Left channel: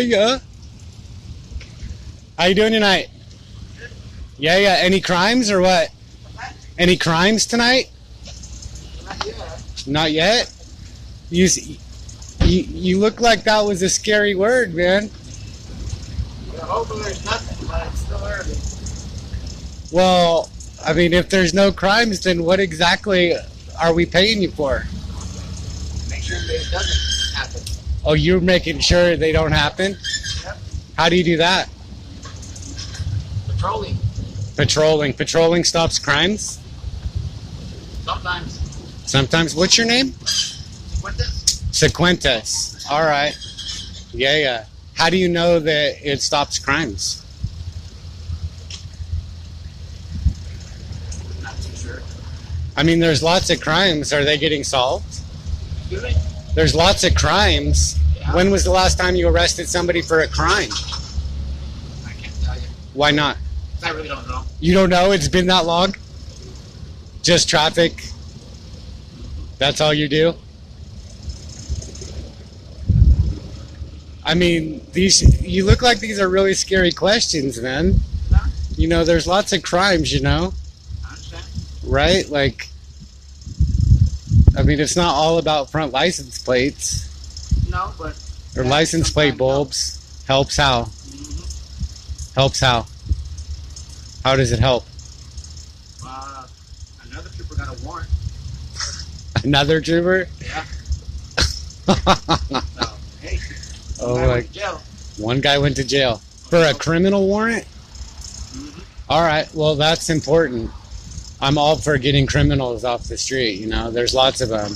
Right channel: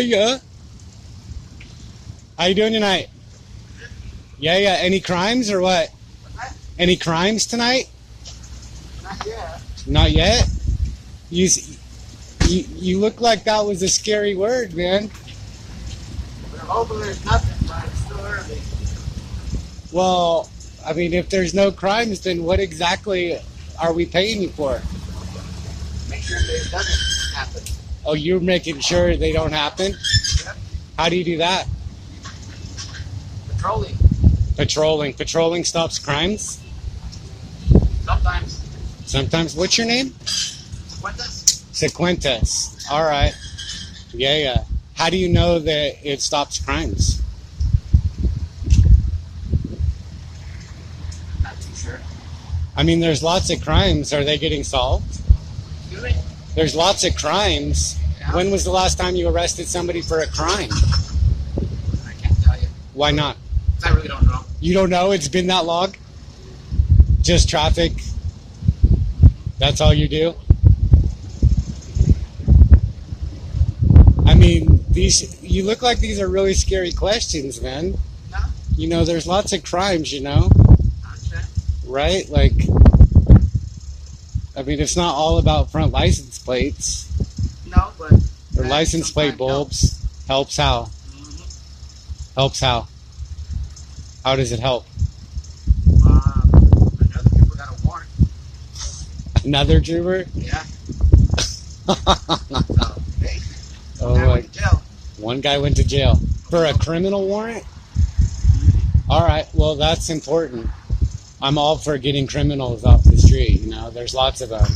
Yeah. How you doing tonight? Yeah. Any crimes or what? Any crimes tonight? Not yet. Not yet? You look like that was a scary word, man. Well, hopefully there's nothing, but it's still early. Well, I mean, if there's no crimes, then what exactly are we paying you for? Make sure that it doesn't happen. Oh, you're making sure they don't happen? Yep. How do you do that? Patrolling. Patrolling stops crimes? Sometimes. Sometimes. What's your name? Sifuentes. Sifuentes. All right. Yeah. How do you know that it stops crimes? Not too sure. I mean, there's lots of crimes. Are they getting solved? Excuse me? There's lots of crimes. Yeah. When was the last time you arrested somebody for a crime? I can't tell you. Why not? 'Cause I really don't know. You don't know? It's been that long? Just traffic? That's all you do? I mean, you look like these are really scary questions, man. No? You know, there's lots of crimes, you know? I understand. Right? Like, I mean, it's not all about front license plates No, but... or that license plate sometimes bulbs. Helps how? helps. Helps how? How does it help? Another trooper got a warrant. Another trooper? Yeah. So, hey. Oh, I my. went to jail. One guy went to jail for a criminal warrant? All right, well, that's important. I'm all for getting criminals off the street, you know. There's lots of them.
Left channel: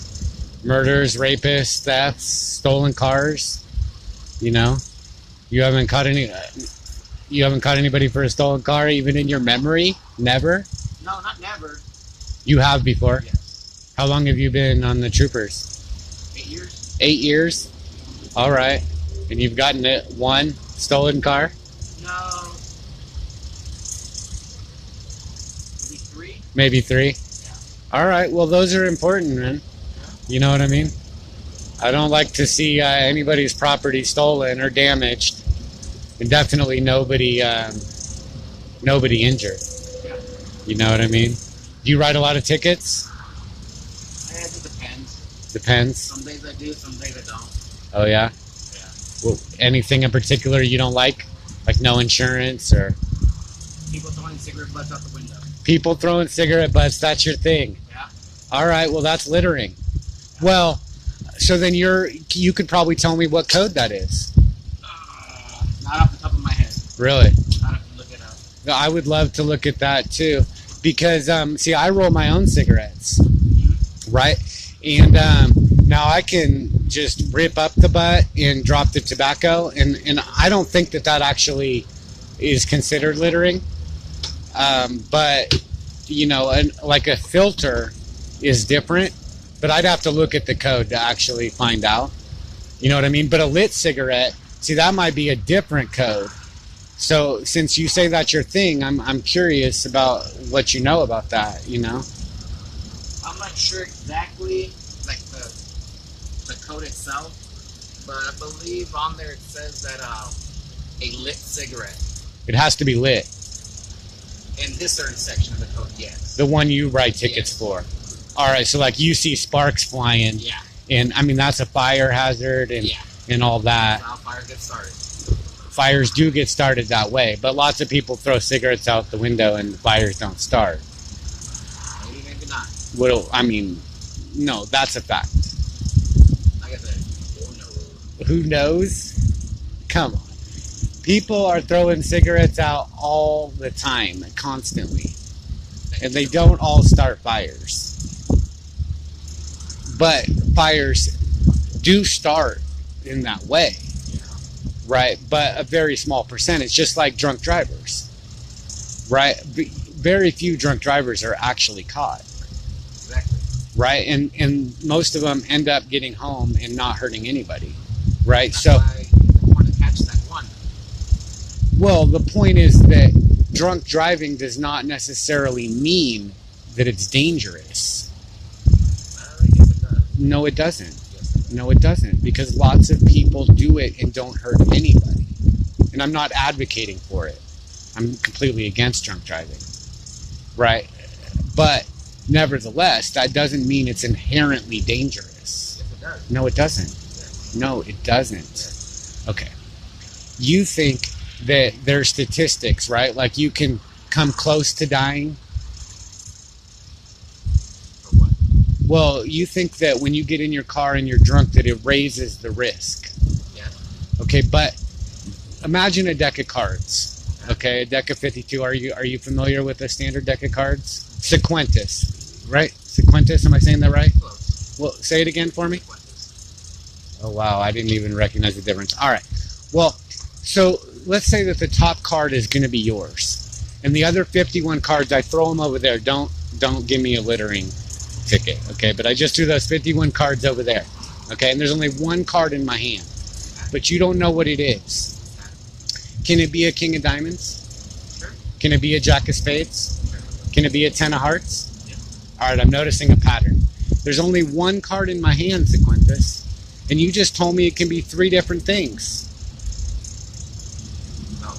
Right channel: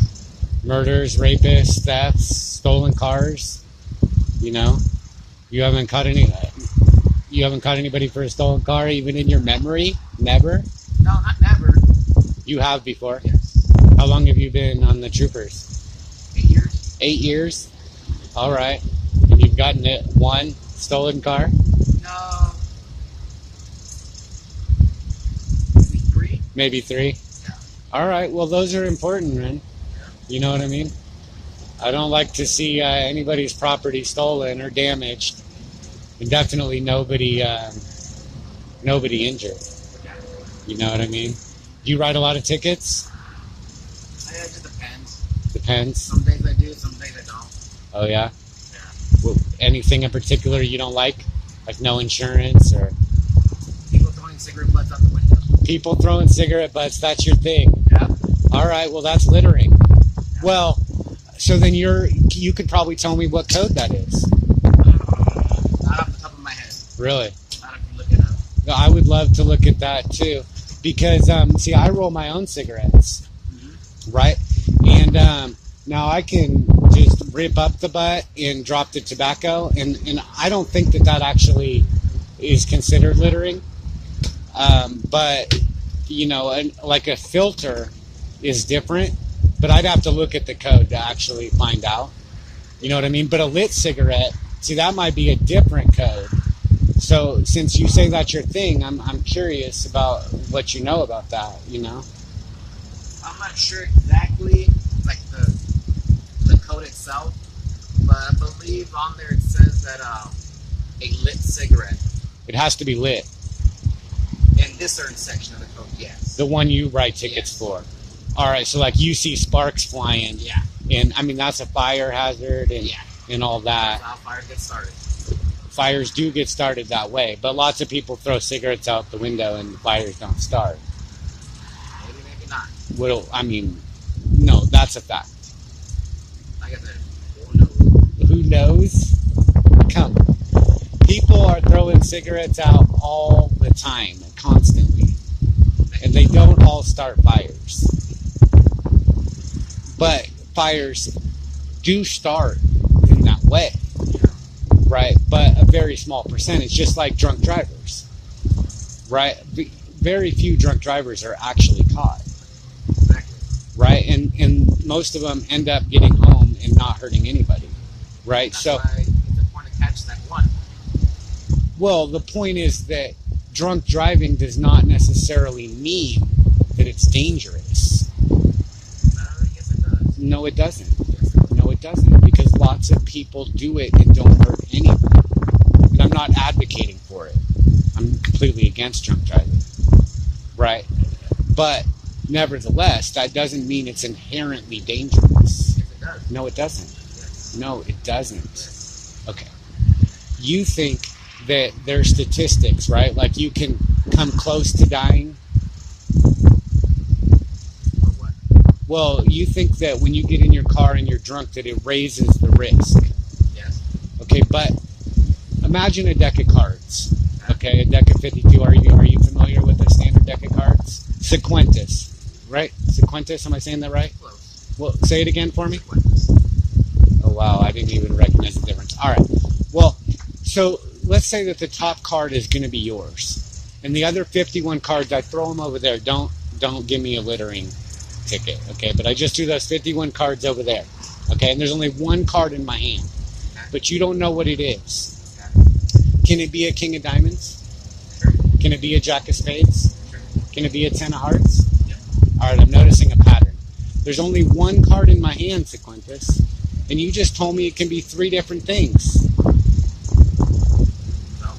Murders, rapists, thefts, stolen cars, you know. You haven't caught anybody for a stolen car even in your memory? Never? No, not never. You have before? Yes. How long have you been on the troopers? 8 years. 8 years? All right. And you've gotten one stolen car? No. Maybe 3. Maybe 3? Yeah. All right. Well, those are important, man. Yeah. You know what I mean? I don't like to see anybody's property stolen or damaged, and definitely nobody injured. Yeah. You know what I mean? Do you write a lot of tickets? It just depends. Depends. Some days I do, some days I don't. Oh yeah. Yeah. Well, anything in particular you don't like no insurance or People throwing cigarette butts out the window. people throwing cigarette butts? That's your thing. Yeah. All right. Well, that's littering. Well, so then you could probably tell me what code that is. Not off the top of my head. Really? I'd have to look it up. I would love to look at that too, because see, I roll my own cigarettes, right? And now I can just rip up the butt and drop the tobacco, and I don't think that actually is considered littering. But you know, like a filter is different, but I'd have to look at the code to actually find out. You know what I mean? But a lit cigarette, see, that might be a different code. So since you say that's your thing, I'm curious about what you know about that, you know? I'm not sure exactly, like the code itself, but I believe on there it says that a lit cigarette It has to be lit. in this certain section of the code, yes. The one you write tickets Yes. for. All right, so like you see sparks flying, Yeah. and I mean that's a fire hazard and Yeah. and all that. That's how fires get started. Fires do get started that way, but lots of people throw cigarettes out the window and the fires don't start. Maybe, maybe not. Well, I mean, no, that's a fact. Like I said, who knows? Who knows? Come. People are throwing cigarettes out all the time, constantly. And they don't all start fires. But fires do start in that way, right? But a very small percentage, just like drunk drivers, right? Very few drunk drivers are actually caught, Exactly. right? And most of them end up getting home and not hurting anybody, right? That's So, why it's important to catch that one. well, the point is that drunk driving does not necessarily mean that it's dangerous. I guess it does. No, it doesn't. Yes. No, it doesn't. because lots of people do it and don't hurt anybody. And I'm not advocating for it. I'm completely against drunk driving, right? But nevertheless, that doesn't mean it's inherently dangerous. Yes, it does. No, it doesn't. Yes. No, it doesn't. Yes. Okay. You think that there's statistics, right? Like you can come close to dying. For what? Well, you think that when you get in your car and you're drunk that it raises the risk. Yes. Okay, but imagine a deck of cards. Okay, a deck of 52. Are you familiar with a standard deck of cards? Sifuentes, right? Sifuentes, am I saying that right? Close. Well, say it again for me. Sifuentes. Oh, wow, I didn't even recognize the difference. All right, well, so let's say that the top card is going to be yours. And the other 51 cards, I throw them over there. Don't give me a littering ticket, okay? But I just threw those 51 cards over there, okay? And there's only one card in my hand, but you don't know what it is. Can it be a king of diamonds? Sure. Can it be a jack of spades? Sure. Can it be a 10 of hearts? Yep. All right, I'm noticing a pattern. There's only one card in my hand, Sifuentes, and you just told me it can be 3 different things. No.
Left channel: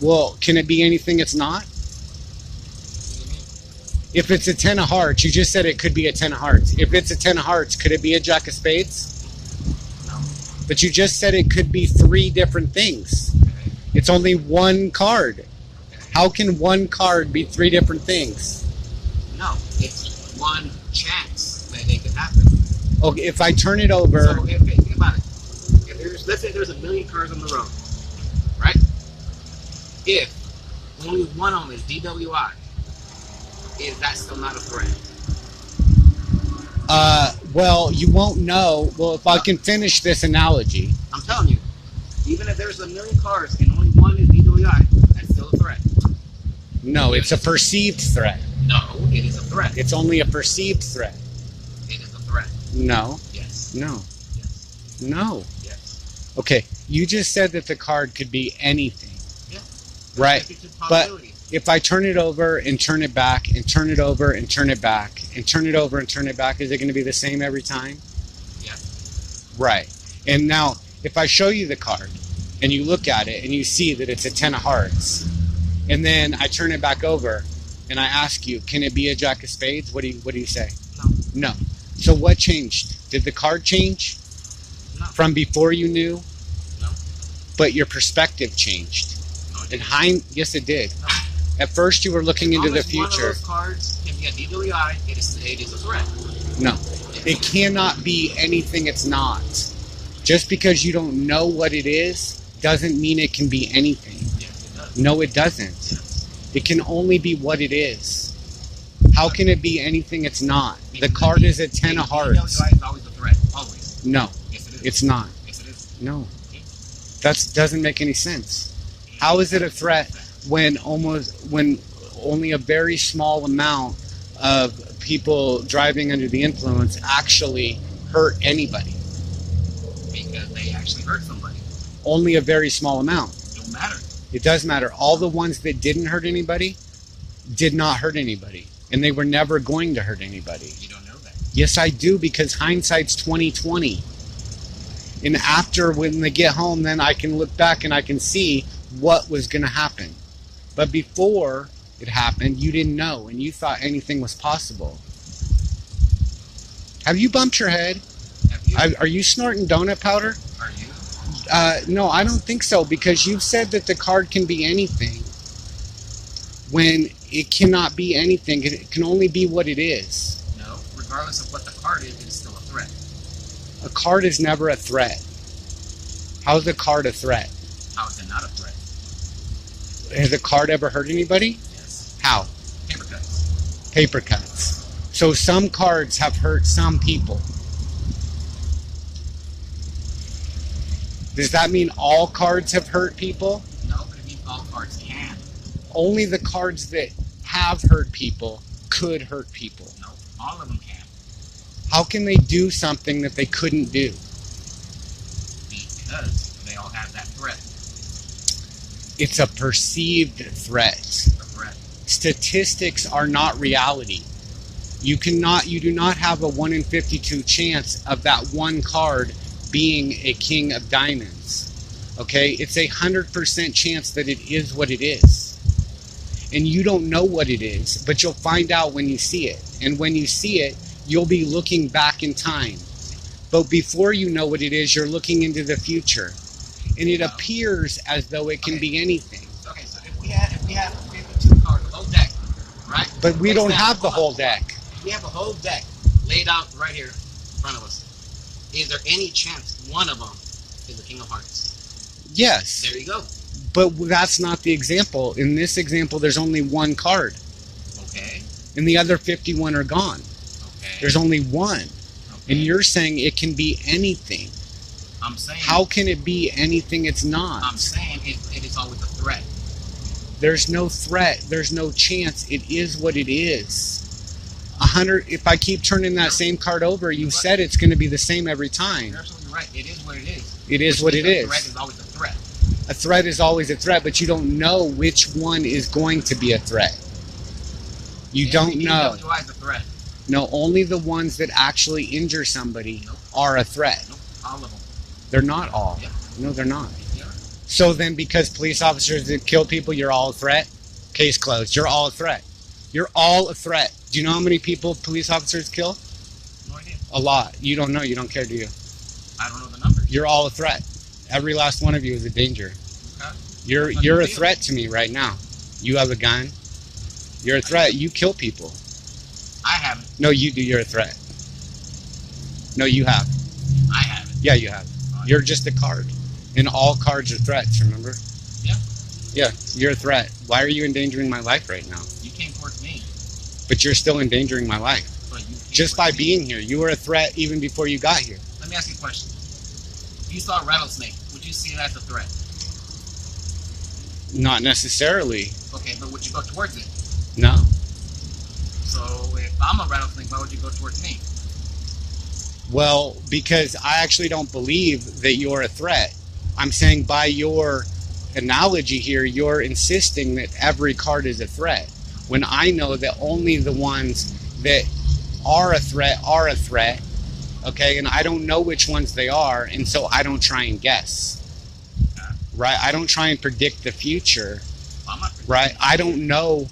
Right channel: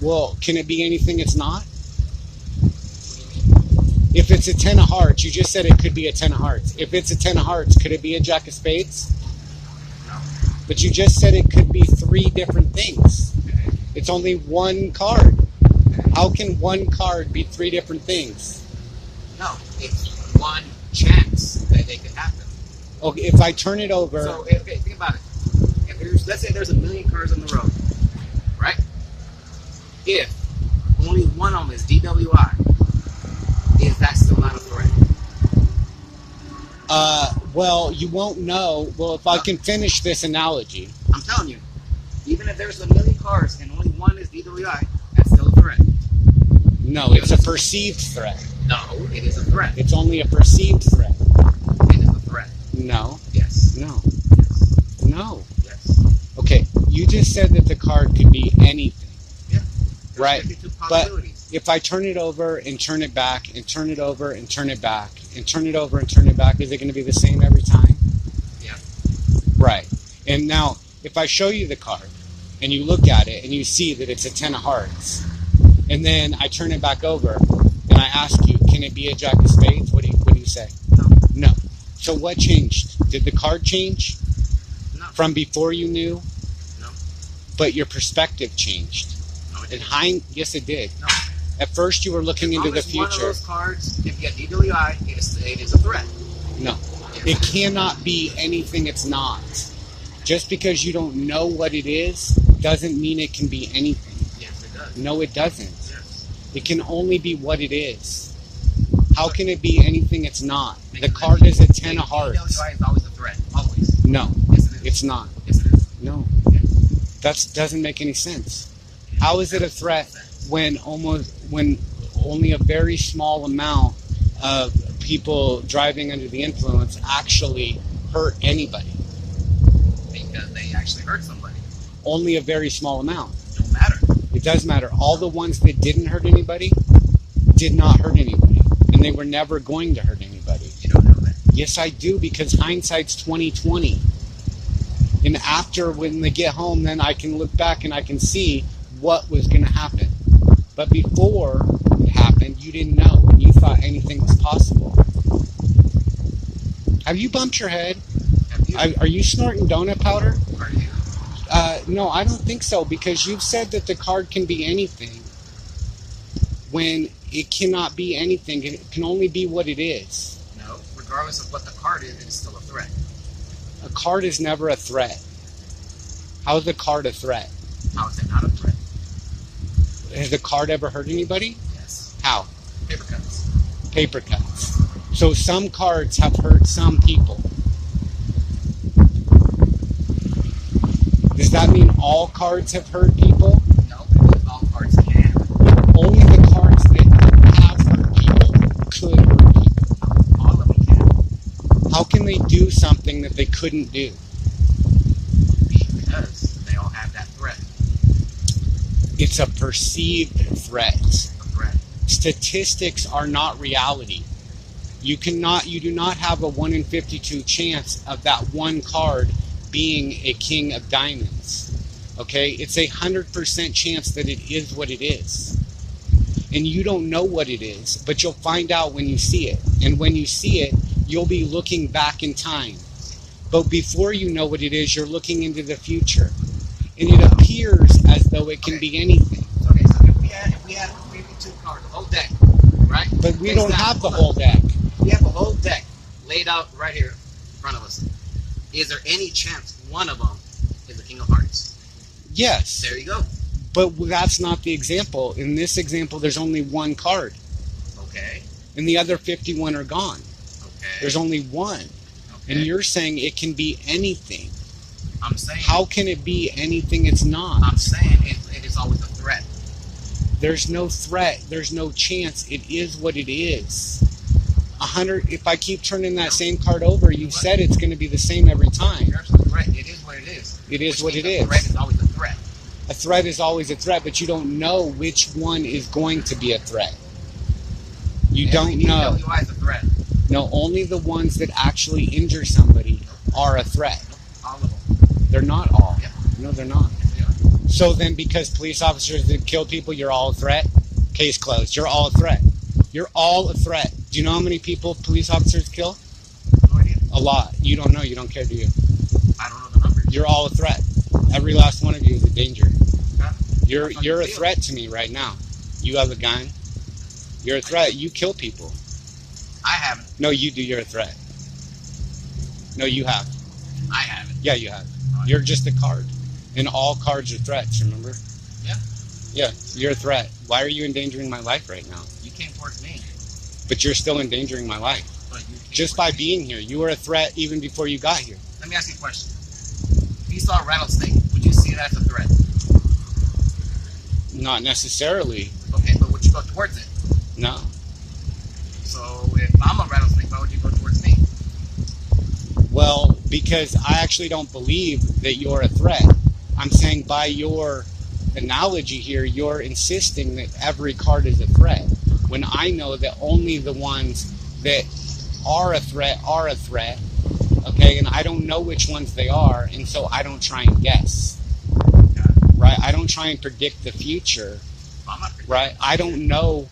Well, can it be anything it's not? What do you mean? If it's a 10 of hearts, you just said it could be a 10 of hearts. If it's a 10 of hearts, could it be a jack of spades? No. But you just said it could be 3 different things. Okay. It's only one card. Okay. How can one card be 3 different things? No. It's one chance that it could happen. Okay, if I turn it over... So think about it. Let's say there's 1 million cars on the road, right? If only one of them is DWI, is that still not a threat? Well, you won't know. Well, if I can finish this analogy. I'm telling you, even if there's 1 million cars and only one is DWI, that's still a threat. No, it's a perceived threat. No, it is a threat. It's only a perceived threat. It is a threat. No. Yes. No. Yes. No. Yes. Okay, you just said that the card could be anything. Yeah. Right. 52 But possibilities. if I turn it over and turn it back and turn it over and turn it back and turn it over and turn it back, is it going to be the same every time? Yeah. Right. And now, if I show you the card and you look at it and you see that it's a 10 of hearts, and then I turn it back over and I ask you, can it be a jack of spades? What do you say? No. No. So what changed? Did the card change No. from before you knew? No. But your perspective changed. No. It In didn't. yes, it did. No. At first, you were looking into the As long as one of future. those cards, if you get DWI, it is a threat. No, it cannot be anything it's not. Just because you don't know what it is doesn't mean it can be anything. Yes, it does. No, it doesn't. Yes. It can only be what it is. How can it be anything it's not? The Because card is a 10 of hearts. DWI is always a threat. Always. No, Yes, it is. it's not. Yes, it is. No, Yeah. that doesn't make any sense. How is it a threat when only a very small amount of people driving under the influence actually hurt anybody? Because they actually hurt somebody. Only a very small amount. It don't matter. It does matter. All the ones that didn't hurt anybody did not hurt anybody, and they were never going to hurt anybody. You don't know that. Yes, I do, because hindsight's 20/20. And after, when they get home, then I can look back and I can see what was going to happen. But before it happened, you didn't know, and you thought anything was possible. Have you bumped your head? Have you? Are you snorting donut powder? Are you? No, I don't think so, because you've said that the card can be anything when it cannot be anything. It can only be what it is. No. Regardless of what the card is, it's still a threat. A card is never a threat. How is a card a threat? How is it not a threat? Has a card ever hurt anybody? Yes. How? Paper cuts. Paper cuts. So some cards have hurt some people. Does that mean all cards have hurt people? No, but it means all cards can. Only the cards that have hurt people could hurt people. No, all of them can. How can they do something that they couldn't do? Because they all have that threat. It's a perceived threat. A threat. Statistics are not reality. You do not have a 1 in 52 chance of that one card being a king of diamonds. Okay, it's 100% chance that it is what it is. And you don't know what it is, but you'll find out when you see it. And when you see it, you'll be looking back in time. But before you know what it is, you're looking into the future. And it appears as though it can be anything. Okay, so if we have 52 cards, the whole deck, right? But we don't have the whole deck. We have a whole deck laid out right here in front of us. Is there any chance one of them is the King of Hearts? Yes. There you go. But that's not the example. In this example, there's only one card. Okay. And the other 51 are gone. Okay. There's only one. Okay. And you're saying it can be anything. I'm saying... How can it be anything it's not? I'm saying it is always a threat. There's no threat. There's no chance. It is what it is. 100. If I keep turning that same card over, you've said it's going to be the same every time. You're absolutely right. It is what it is. It is what it is. A threat is always a threat. A threat is always a threat, but you don't know which one is going to be a threat. You don't know. DWI is a threat. No, only the ones that actually injure somebody are a threat. Nope, all of them. They're not all. Yep. No, they're not. They are. So then because police officers that kill people, you're all a threat? Case closed. You're all a threat. You're all a threat. Do you know how many people police officers kill? No idea. A lot. You don't know. You don't care, do you? I don't know the numbers. You're all a threat. Every last one of you is a danger. Okay. You're a threat to me right now. You have a gun. You're a threat. You kill people. I haven't. No, you do. You're a threat. No, you have. I haven't. Yeah, you have. You're just a card. And all cards are threats, remember? Yeah. Yeah, you're a threat. Why are you endangering my life right now? You came towards me. But you're still endangering my life. But you came Just towards by me. being here. You were a threat even before you got here. Let me ask you a question. If you saw a rattlesnake, would you see it as a threat? Not necessarily. Okay, but would you go towards it? No. So if I'm a rattlesnake, why would you go towards me? Well, because I actually don't believe that you're a threat. I'm saying by your analogy here, you're insisting that every card is a threat, when I know that only the ones that are a threat, okay? And I don't know which ones they are, and so I don't try and guess, right? I don't try and predict the future, I'm not predicting. right? I don't know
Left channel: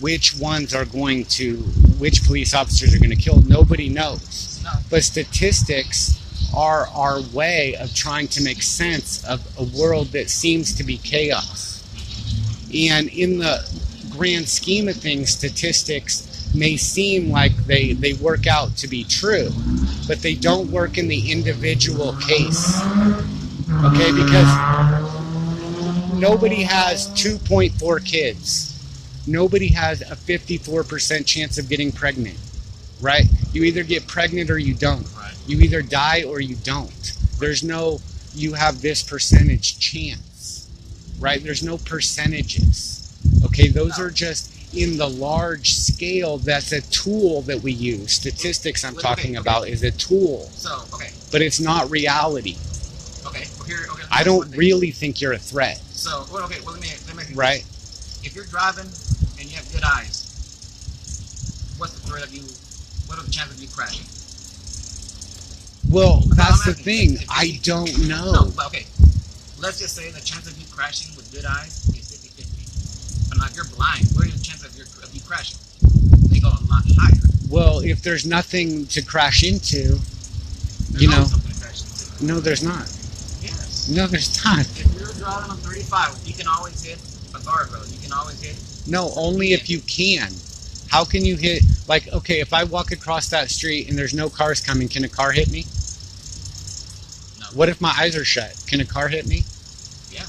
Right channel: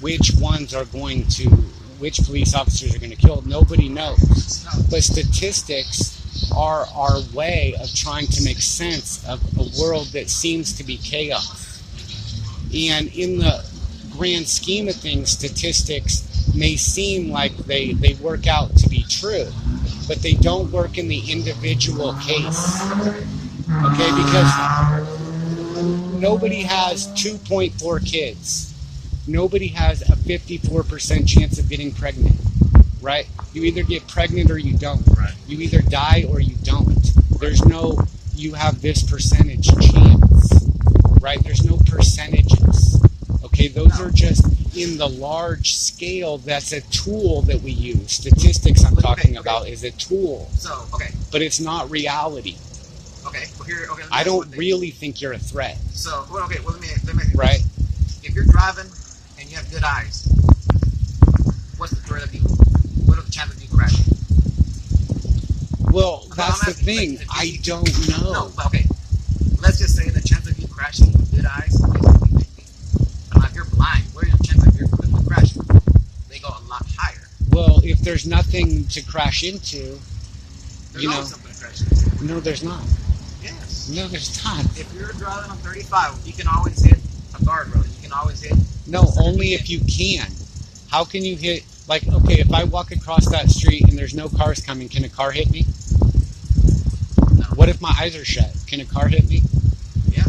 which ones are going to, which police officers are going to kill. Nobody knows. No. But statistics are our way of trying to make sense of a world that seems to be chaos. And in the grand scheme of things, statistics may seem like they work out to be true, but they don't work in the individual case. Okay, because nobody has 2.4 kids. Nobody has a 54% chance of getting pregnant, right? You either get pregnant or you don't. Right. You either die or you don't. There's no, you have this percentage chance, right? There's no percentages. Okay, those are just in the large scale. That's a tool that we use. Statistics I'm talking about is a tool. So, okay. But it's not reality. Okay. Well, here, okay. I don't really think you're a threat. So, well, okay. Well, let me. Right. If you're driving and you have good eyes, what's the threat of you? What are the chances of you crashing? Well, that's the asking, thing. like, I don't know. No, but okay. Let's just say the chance of you crashing with good eyes is 50-50. But now if you're blind, what are the chances of you crashing? They go a lot higher. Well, if there's nothing to crash into, There's you know. always something to crash into. No, there's not. Yes. No, there's not. If you're driving on 35, you can always hit a guardrail. You can always hit. No, only if you can. How can you hit, like, okay, if I walk across that street and there's no cars coming, can a car hit me? No. What if my eyes are shut? Can a car hit me? Yeah.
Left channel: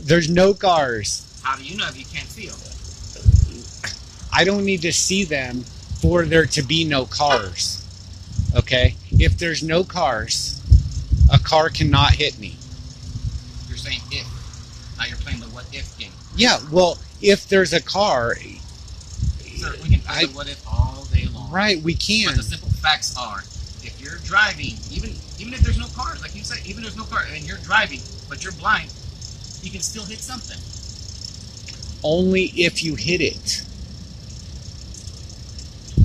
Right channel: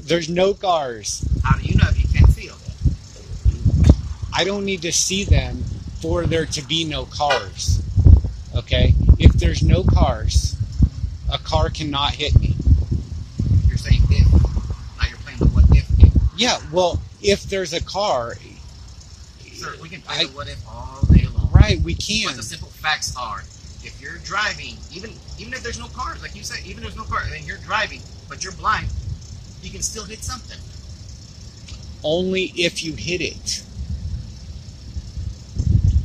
There's no cars. How do you know if you can't feel? I don't need to see them for there to be no cars. Okay? If there's no cars, a car cannot hit me. You're saying if. Now you're playing the what if game. Yeah, well, if there's a car, Sir, we can play the what if all day long. right, we can. But the simple facts are, if you're driving, even if there's no cars, like you said, even if there's no car, and you're driving, but you're blind, you can still hit something. Only if you hit it.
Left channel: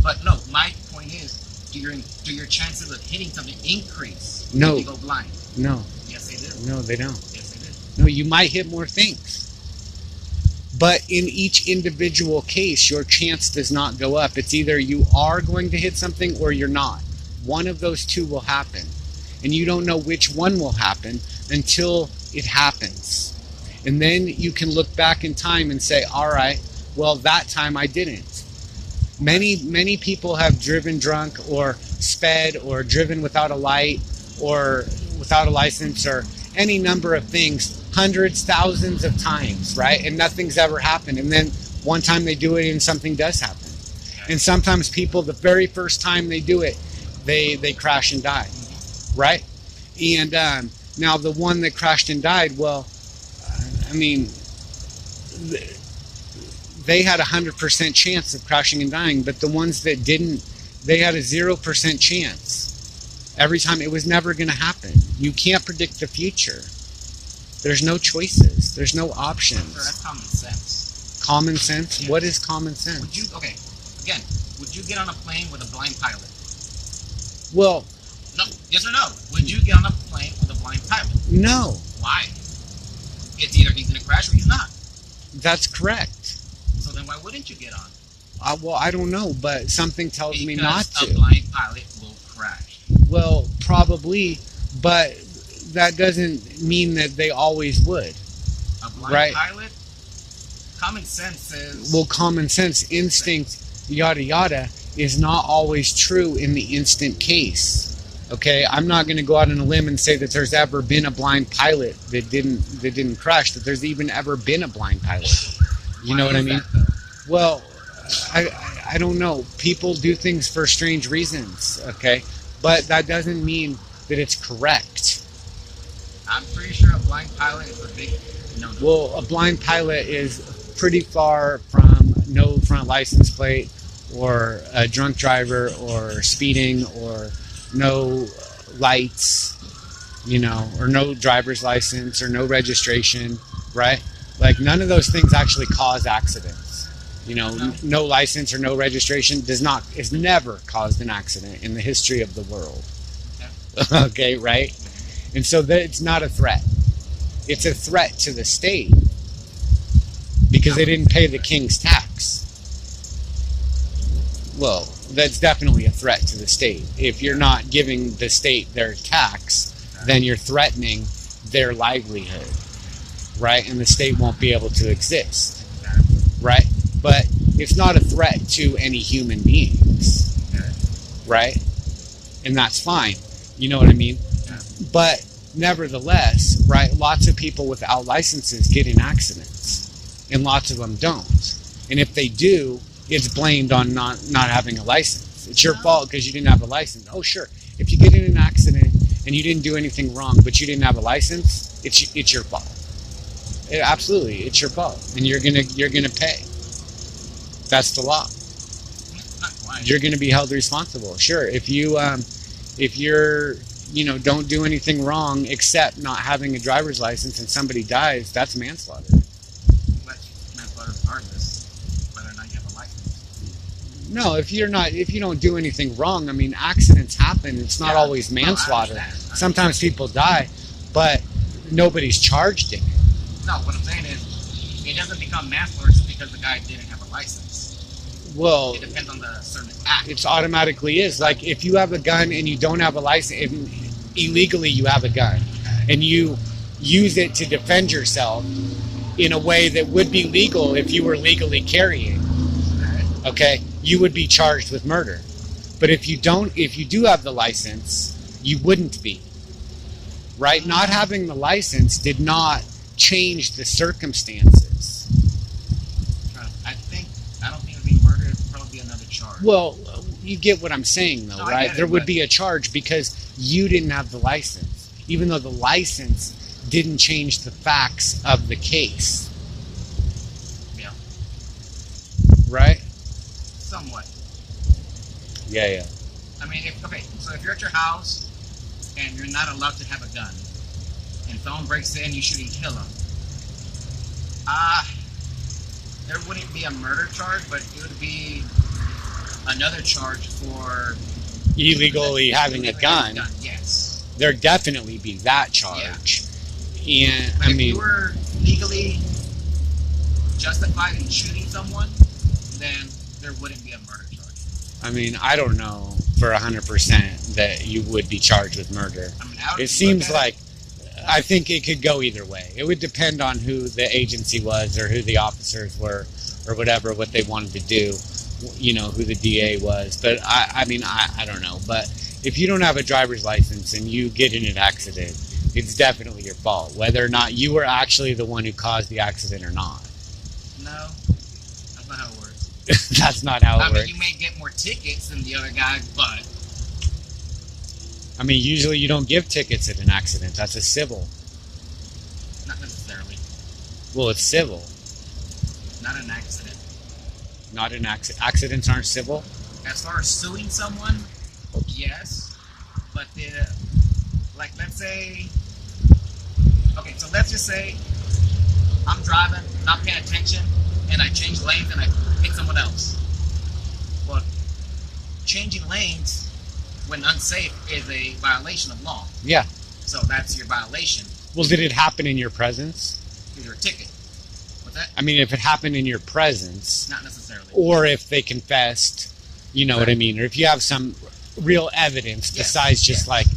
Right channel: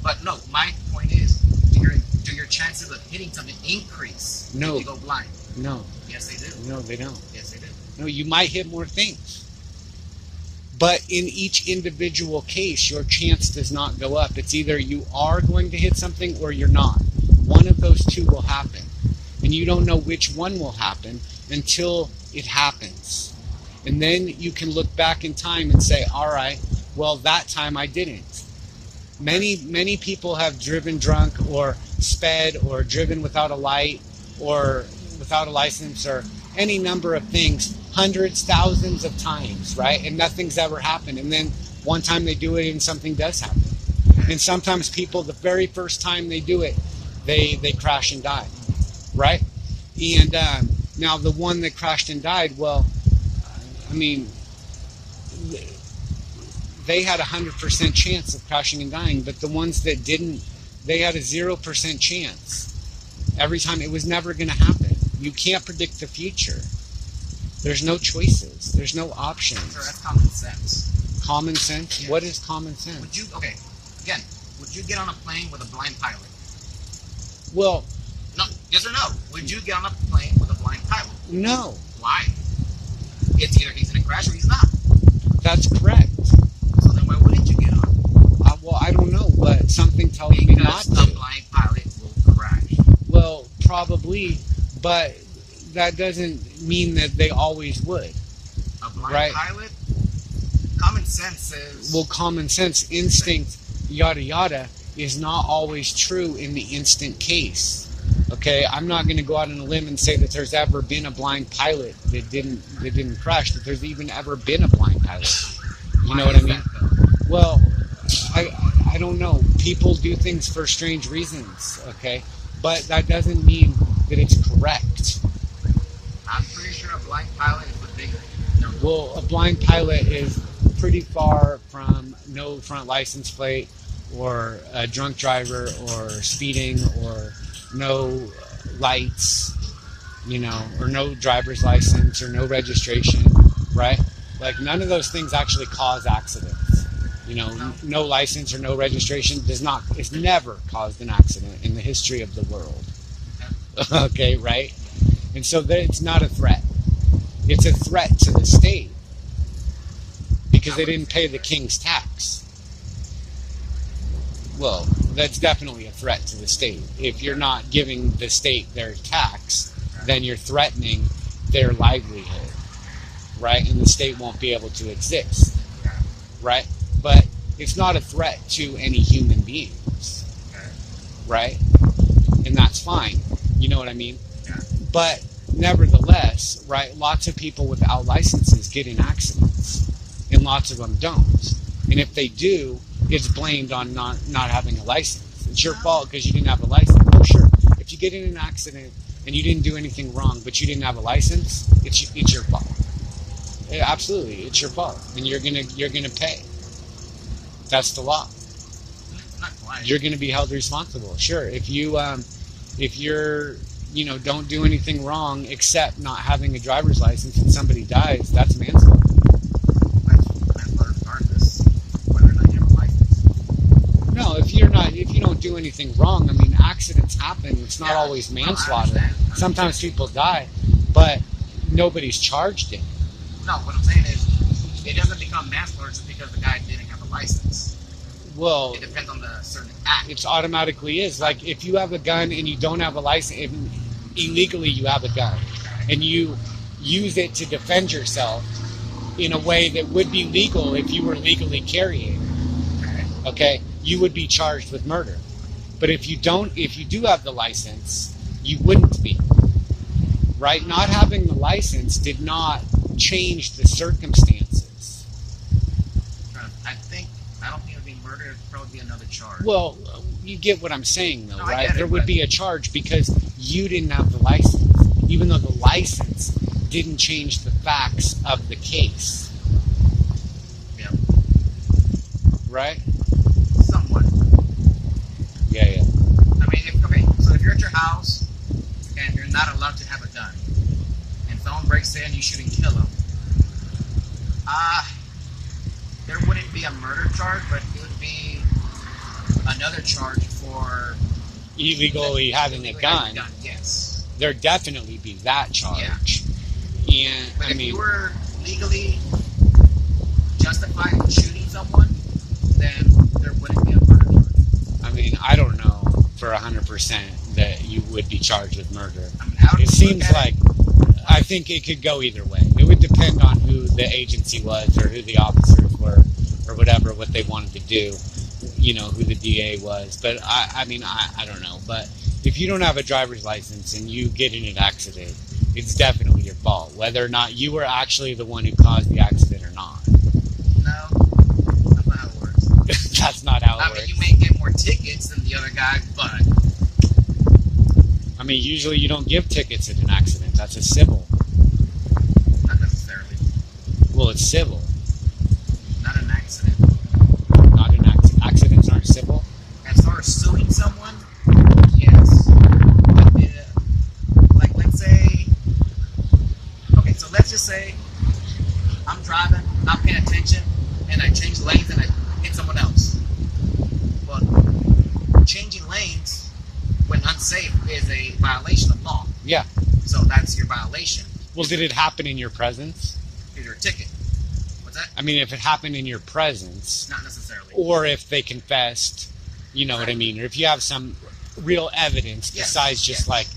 But no, my point is, you're do your chances of hitting something increase No. if you go blind? No. Yes, they do. No, they don't. Yes, they do. No, you might hit more things. But in each individual case, your chance does not go up. It's either you are going to hit something or you're not. One of those two will happen. And you don't know which one will happen until it happens. And then you can look back in time and say, all right, well, that time I didn't. Many people have driven drunk or sped or driven without a light or without a license or any number of things, hundreds, thousands of times, right? And nothing's ever happened. And then one time they do it and something does happen. And sometimes people, the very first time they do it, they crash and die, right? And now the one that crashed and died, well, I mean, they had a 100% chance of crashing and dying, but the ones that didn't, they had a 0% chance. Every time, it was never going to happen. You can't predict the future. There's no choices. There's no options. Sir, that's common sense. Common sense? Yes. What is common sense? Would you get on a plane with a blind pilot? Well, No. Yes or no? Would you get on a plane with a blind pilot? no. Why? It's either he's going to crash or he's not. That's correct. So then why wouldn't you get on? Well, I don't know, but something tells me not Because to. a blind pilot will crash. Well, probably, but that doesn't mean that they always would. A blind Right. pilot? Common sense says... Well, common sense, instinct, yada yada, is not always true in the instant case. Okay, I'm not going to go out on a limb and say that there's ever been a blind pilot that didn't crash. That there's even ever been a blind pilot. You know what I mean? Well, I don't know. People do things for strange reasons. Okay, but that doesn't mean that it's correct. I'm pretty sure a blind pilot is a big no. Well, a blind pilot is pretty far from no front license plate or a drunk driver or speeding or no lights, you know, or no driver's license or no registration, right? Like none of those things actually cause accidents. You know, no license or no registration is never caused an accident in the history of the world. Okay, right? And so it's not a threat. It's a threat to the state because they didn't pay the king's tax. Well, that's definitely a threat to the state. If you're not giving the state their tax, then you're threatening their livelihood, right? And the state won't be able to exist, right? But it's not a threat to any human beings, right? And that's fine. You know what I mean? But nevertheless, right, lots of people without licenses get in accidents, and lots of them don't. And if they do, it's blamed on not having a license. It's your fault because you didn't have a license. Oh, sure. If you get in an accident and you didn't do anything wrong, but you didn't have a license, it's your fault. Absolutely, it's your fault, and you're gonna pay. That's the law. Not quite. You're gonna be held responsible. Sure, if you're don't do anything wrong except not having a driver's license and somebody dies, that's manslaughter. Manslaughter regardless whether or not you have a license. No, if you don't do anything wrong, I mean, accidents happen. It's not always manslaughter. No, I understand. Sometimes people die, but nobody's charged in it. No, what I'm saying is it doesn't become manslaughter just because the guy didn't have a license. Well, It depends on the certain act. it automatically is. Like if you have a gun and you don't have a license, illegally you have a gun, and you use it to defend yourself in a way that would be legal if you were legally carrying. Okay, you would be charged with murder. But if you do have the license, you wouldn't be. Right? Not having the license did not change the circumstances. I don't think it would be murder. It would probably be another charge. Well, you get what I'm saying, though, No, I right? get it, There would but- be a charge because you didn't have the license, even though the license didn't change the facts of the case. Yeah. Right? Somewhat. Yeah. I mean, so if you're at your house and you're not allowed to have a gun, and someone breaks in, you shoot and kill them, there wouldn't be a murder charge, but it would be another charge for illegally having a gun, yes, there'd definitely be that charge. Yeah. And but I if mean, you were legally justified in shooting someone, then there wouldn't be a murder charge. I mean, I don't know for 100% that you would be charged with murder. I mean, how It seems like, I think it could go either way. It would depend on who the agency was or who the officers were or whatever, what they wanted to do, you know, who the DA was. But I mean, I don't know. But if you don't have a driver's license and you get in an accident, it's definitely your fault, whether or not you were actually the one who caused the accident or not. No, that's not how it works. That's not how it I mean, works. you may get more tickets than the other guy, but I mean, usually you don't give tickets at an accident. That's a civil. not necessarily. Well, it's civil. Not an accident. Not an accident. Accidents aren't civil. As far as suing someone, yes. But like, let's say, okay, so let's just say I'm driving, not paying attention, and I change lanes and I hit someone else. Well, changing lanes when unsafe is a violation of law. Yeah. So that's your violation. Well, did it happen in your presence? Here's your ticket. What's that? I mean, if it happened in your presence, Not necessarily. or if they confessed, you know what I mean, or if you have some real evidence besides just like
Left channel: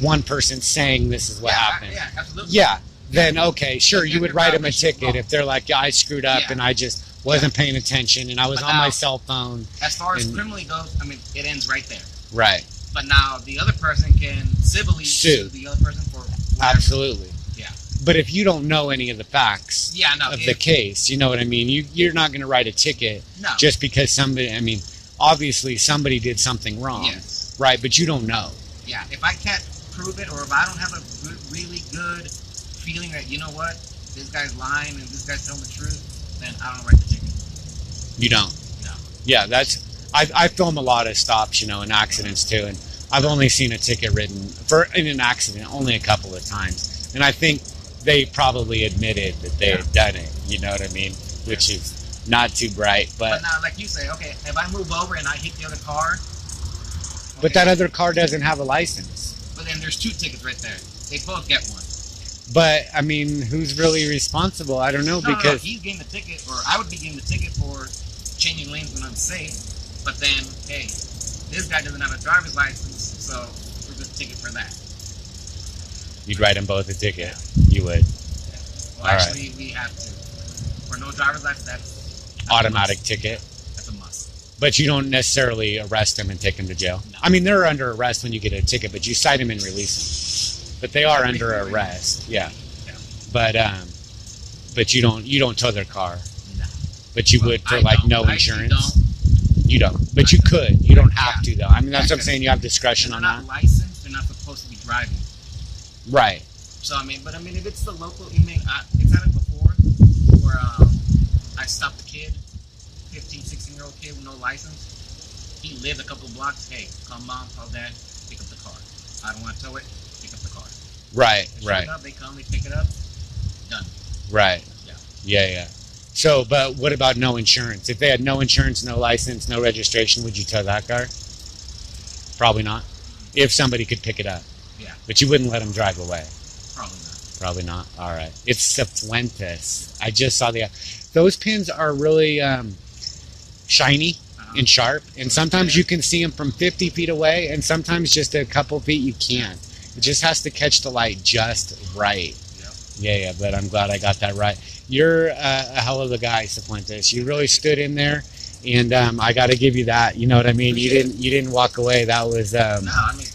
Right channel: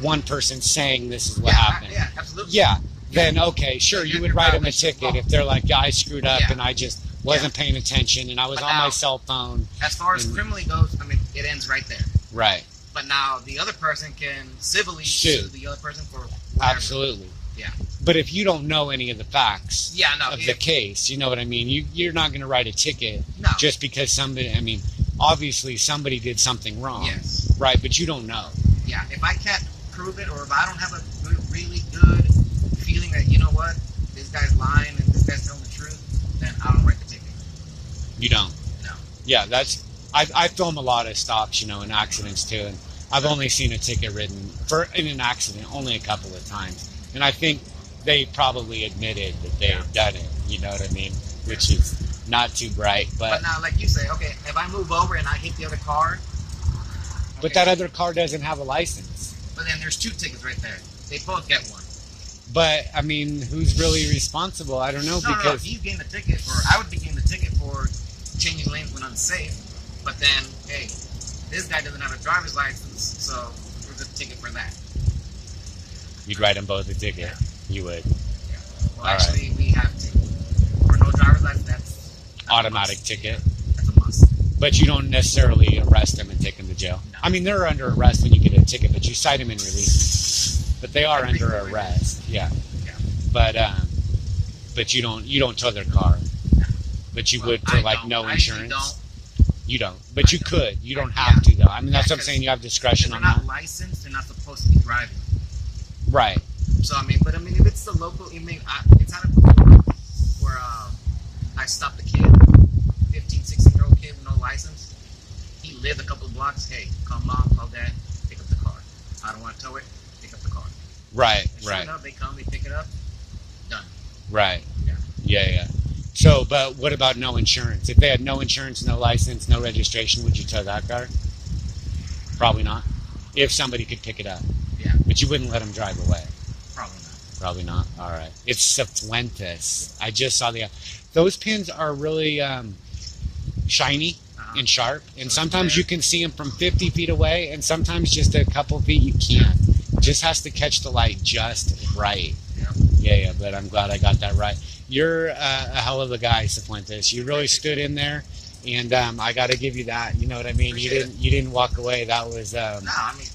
one person saying this is what happened. Yeah, absolutely. Yeah. Then okay, sure, Then you would you're write them a violation of ticket law. if they're like, yeah, I screwed up Yeah. and I just wasn't paying attention and I was But on my now- cell phone. As far as And- criminally goes, I mean, it ends right there. Right. But now the other person can civilly Sue. sue the other person for whatever. Absolutely. Yeah. But if you don't know any of the facts Yeah, no. of the case, you know what I mean? You're not going to write a ticket No. just because somebody, I mean, obviously somebody did something wrong. Yes. Right, but you don't know. Yeah. If I can't prove it, or if I don't have a really good feeling that, you know what, this guy's lying and this guy's telling the truth, then I don't write the ticket. You don't. No. Yeah, I film a lot of stops, you know, and accidents too, and I've only seen a ticket written in an accident only a couple of times, and I think they probably admitted that they had done it. You know what I mean? Which is not too bright, But now, like you say, okay, if I move over and I hit the other car, but that other car doesn't have a license. but then there's two tickets right there. They both get one. But I mean, who's really responsible? I don't know No, because he's getting the ticket, or I would be getting the ticket for changing lanes when unsafe. But then, hey, this guy doesn't have a driver's license, so we're just ticket for that. you'd write them both a ticket. Yeah. You would. Yeah. Well, All right. actually, we have to. For no driver's license, that's Automatic a must. ticket. That's a must. But you don't necessarily arrest them and take them to jail. No. I mean, they're under arrest when you get a ticket, but you cite them and release them. But they are under Legally. arrest. Yeah. Yeah. But you don't tow their car. No. But you Well, would for I like don't. no I actually insurance. don't. You don't. But you could. You don't have to though. I mean, that's what I'm because- saying. You have discretion Because on they're not that. licensed, they're not supposed to be driving. Right. So I mean, if it's the local, it's happened before where I stopped a kid, 15, 16-year-old kid with no license. He lived a couple of blocks. Hey, call mom, call dad, pick up the car. I don't want to tow it. Pick up the car. Right. They Right. Up, they come, they pick it up. Done. Right. Yeah. Yeah. So, but what about no insurance? If they had no insurance, no license, no registration, would you tow that car? Probably not. If somebody could pick it up. Yeah. But you wouldn't let them drive away. Probably not. Probably not. All right. It's Sifuentes. I just saw those pins are really shiny and sharp, and sometimes you can see them from 50 feet away, and sometimes just a couple feet you can't. It just has to catch the light just right. Yeah. But I'm glad I got that right. You're a hell of a guy, Sifuentes. You really stood in there, and I got to give you that. You know what I mean? Appreciate You didn't walk away. That was No, I mean,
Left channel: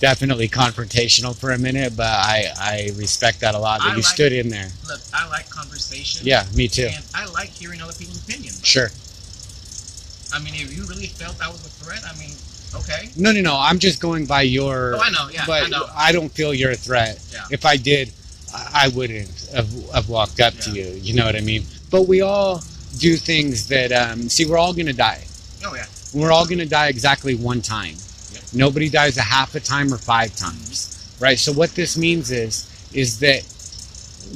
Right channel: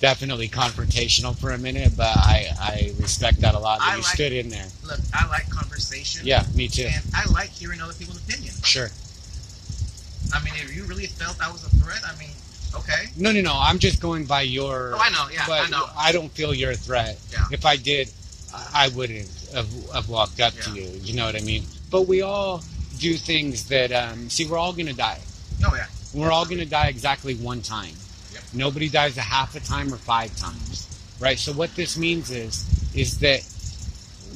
definitely confrontational for a minute, but I respect that a lot. That you stood in there. look, I like conversation. Yeah, me too. And I like hearing other people's opinions. Sure. I mean, if you really felt that was a threat, I mean, okay. No. I'm just going by your. Oh, I know. Yeah, but I know. I don't feel you're a threat. Yeah. If I did, I wouldn't have walked up to Yeah. you. You know what I mean? But we all do things that. See, we're all gonna die. Oh yeah. We're all gonna die exactly one time. Yep. Nobody dies a half a time or 5 times, right? So what this means is that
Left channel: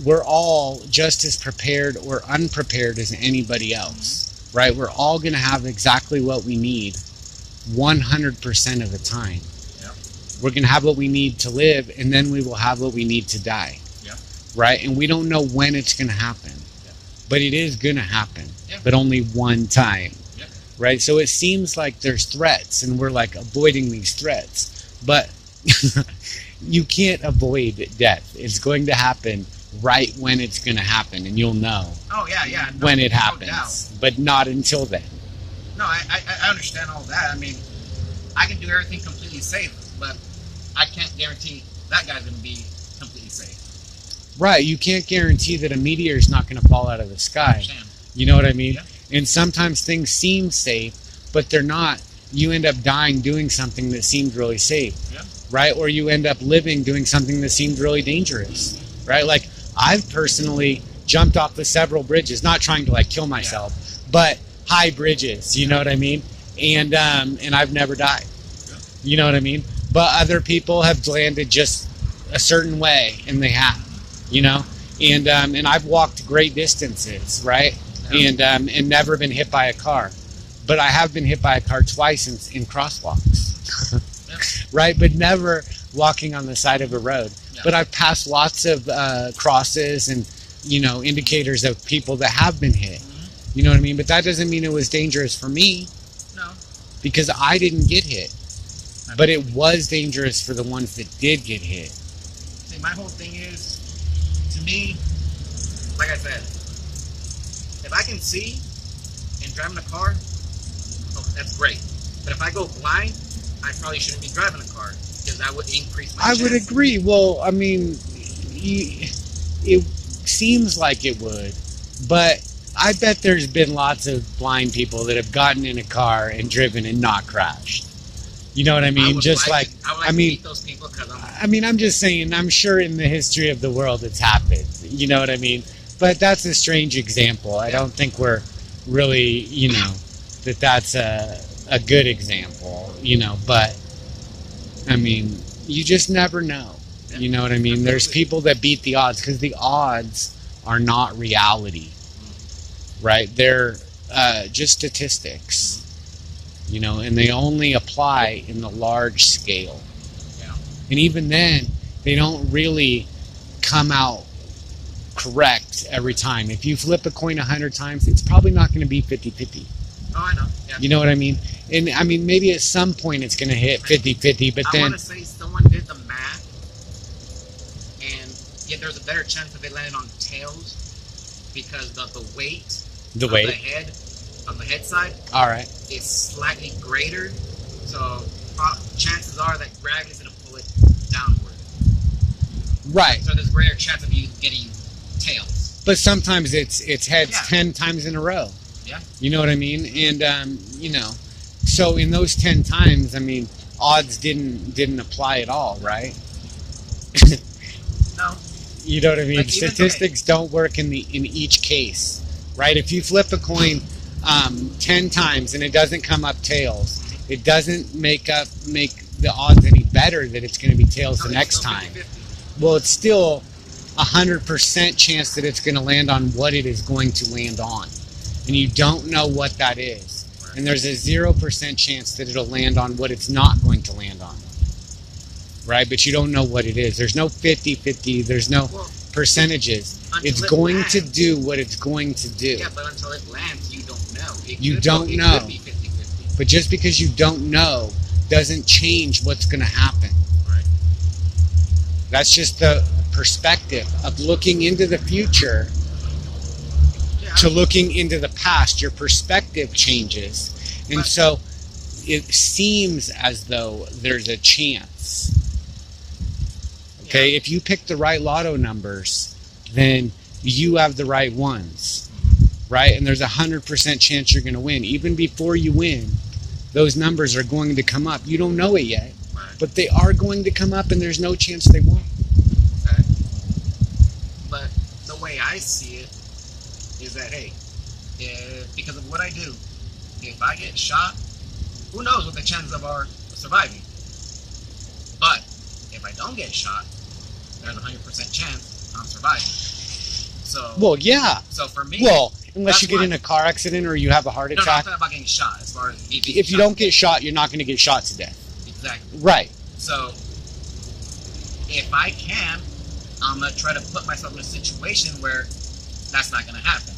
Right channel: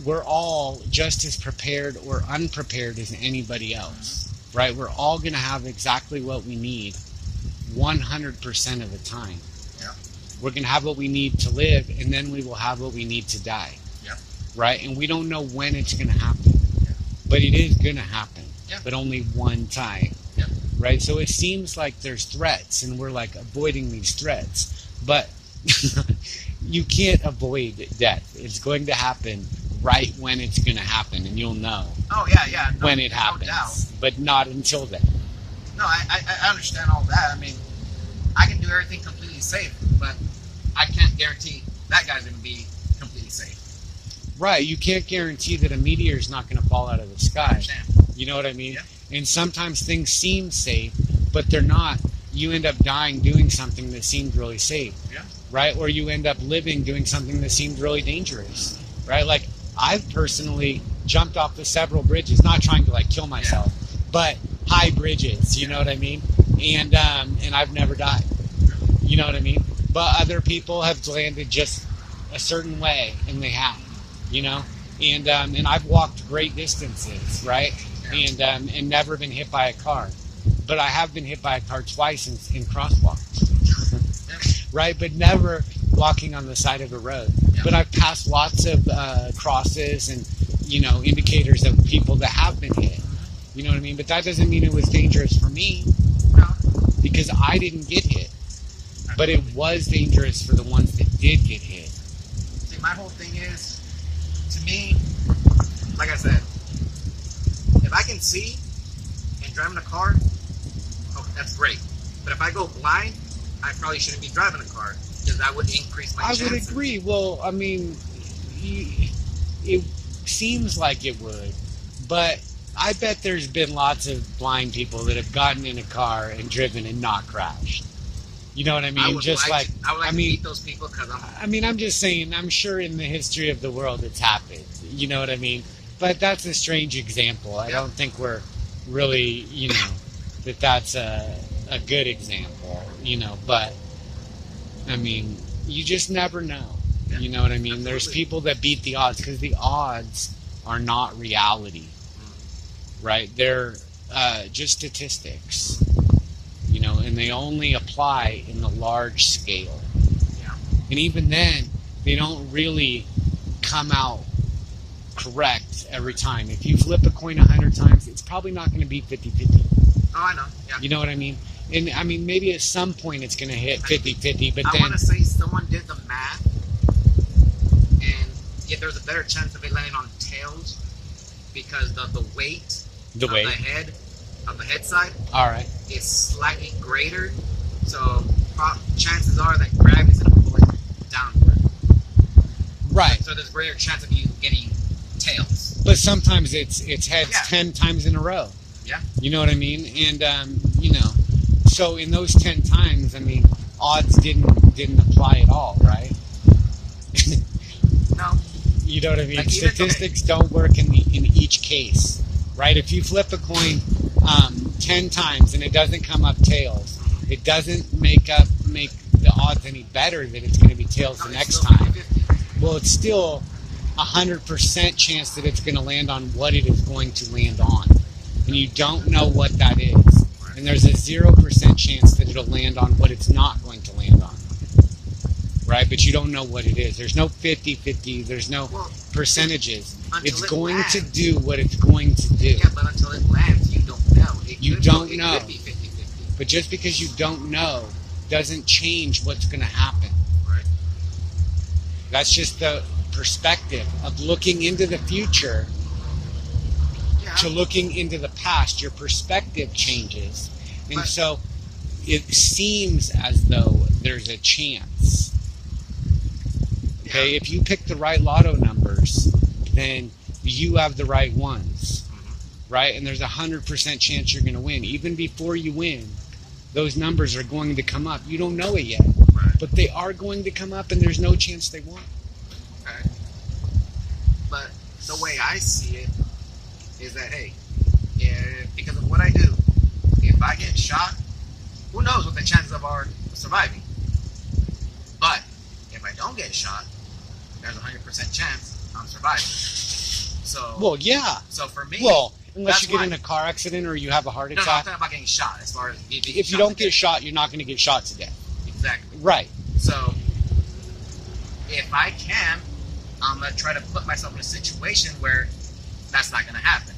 we're all just as prepared or unprepared as anybody else, right? We're all gonna have exactly what we need 100% of the time. Yeah. We're going to have what we need to live, and then we will have what we need to die. Yeah. Right? And we don't know when it's going to happen. Yeah. But it is going to happen. Yeah. But only one time. Yeah. Right? So it seems like there's threats, and we're like avoiding these threats. But you can't avoid death. It's going to happen right when it's going to happen, and you'll know Oh, yeah. No, when it no happens. doubt. But not until then. No, I understand all that. I mean, I can do everything completely safe, but I can't guarantee that guy's going to be completely safe. Right. You can't guarantee that a meteor is not going to fall out of the I sky. understand. You know what I mean? Yeah. And sometimes things seem safe, but they're not. You end up dying doing something that seemed really safe. Yeah. Right? Or you end up living doing something that seemed really dangerous. Right? Like, I've personally jumped off the several bridges, not trying to like kill myself, but high bridges, you know what I mean? And I've never died. You know what I mean? But other people have landed just a certain way, and they have, you know? And I've walked great distances, right? Yeah. And never been hit by a car. But I have been hit by a car twice in crosswalks, Yeah. right? But never walking on the side of a road. Yeah. But I've passed lots of crosses and, you know, indicators of people that have been hit. You know what I mean? But that doesn't mean it was dangerous for me, No. because I didn't get hit. But it was dangerous for the ones that did get hit. See, my whole thing is, to me, like I said, if I can see and driving a car, oh, that's great. But if I go blind, I probably shouldn't be driving a car, because that would increase my I would chances. agree. Well, I mean, it seems like it would, but I bet there's been lots of blind people that have gotten in a car and driven and not crashed. You know what I mean? I would Just like like, to, I would like to meet those people, because I'm just saying, I'm sure in the history of the world it's happened. You know what I mean? But that's a strange example. I don't think we're really, you know, that's a good example, you know, but I mean, you just never know. Yeah, you know what I mean? absolutely. There's people that beat the odds, because the odds are not reality, right? They're just statistics, you know, and they only apply in the large scale. Yeah. And even then, they don't really come out correct every time. If you flip a coin 100 times, it's probably not going to be 50-50. Oh, I know. Yeah. You know what I mean? And I mean, maybe at some point it's going to hit 50-50, but I then want to say someone did the math, and yeah, there's a better chance of it landing on tails because of the weight the of weight. the head side All right. is slightly greater, so chances are that gravity's going to pull it downward. Right. So there's a greater chance of you getting tails. But sometimes it's heads Yeah. 10 times in a row. Yeah. You know what I mean? And you know, so in those 10 times, I mean, odds didn't apply at all, right? No. You know what I mean? Like even- Statistics don't work in each case, right? If you flip a coin 10 times and it doesn't come up tails, it doesn't make the odds any better that it's going to be tails No, the it's next still time. 50-50. Well, it's still 100% chance that it's going to land on what it is going to land on. And you don't know what that is. Right. And there's a 0% chance that it'll land on what it's not going to land on. Right? But you don't know what it is. There's no 50-50. There's no Well, percentages. until It's it going to lands. do what it's going to do. Yeah, but until it lands, you don't know. You don't it know. could be 50-50. But just because you don't know doesn't change what's going to happen. Right. That's just the perspective of looking into the future Yeah. to looking into the past. Your perspective changes. And But- so it seems as though there's a chance. Okay, Yeah. if you pick the right lotto numbers, then you have the right ones, right? And there's a 100% chance you're going to win. Even before you win, those numbers are going to come up. You don't know it yet, Right. but they are going to come up, and there's no chance they won't. Okay. But the way I see it is that, hey, because of what I do, if I get shot, who knows what the chances of surviving. But if I don't get shot, there's a 100% chance I'm surviving. So, Well, yeah. so for me, Well, unless That's you get why. in a car accident or you have a heart No, I'm attack. talking about getting shot. As far as If you don't get shot, you're not going to get shot to death. exactly. Right. So if I can, I'm gonna try to put myself in a situation where that's not gonna happen.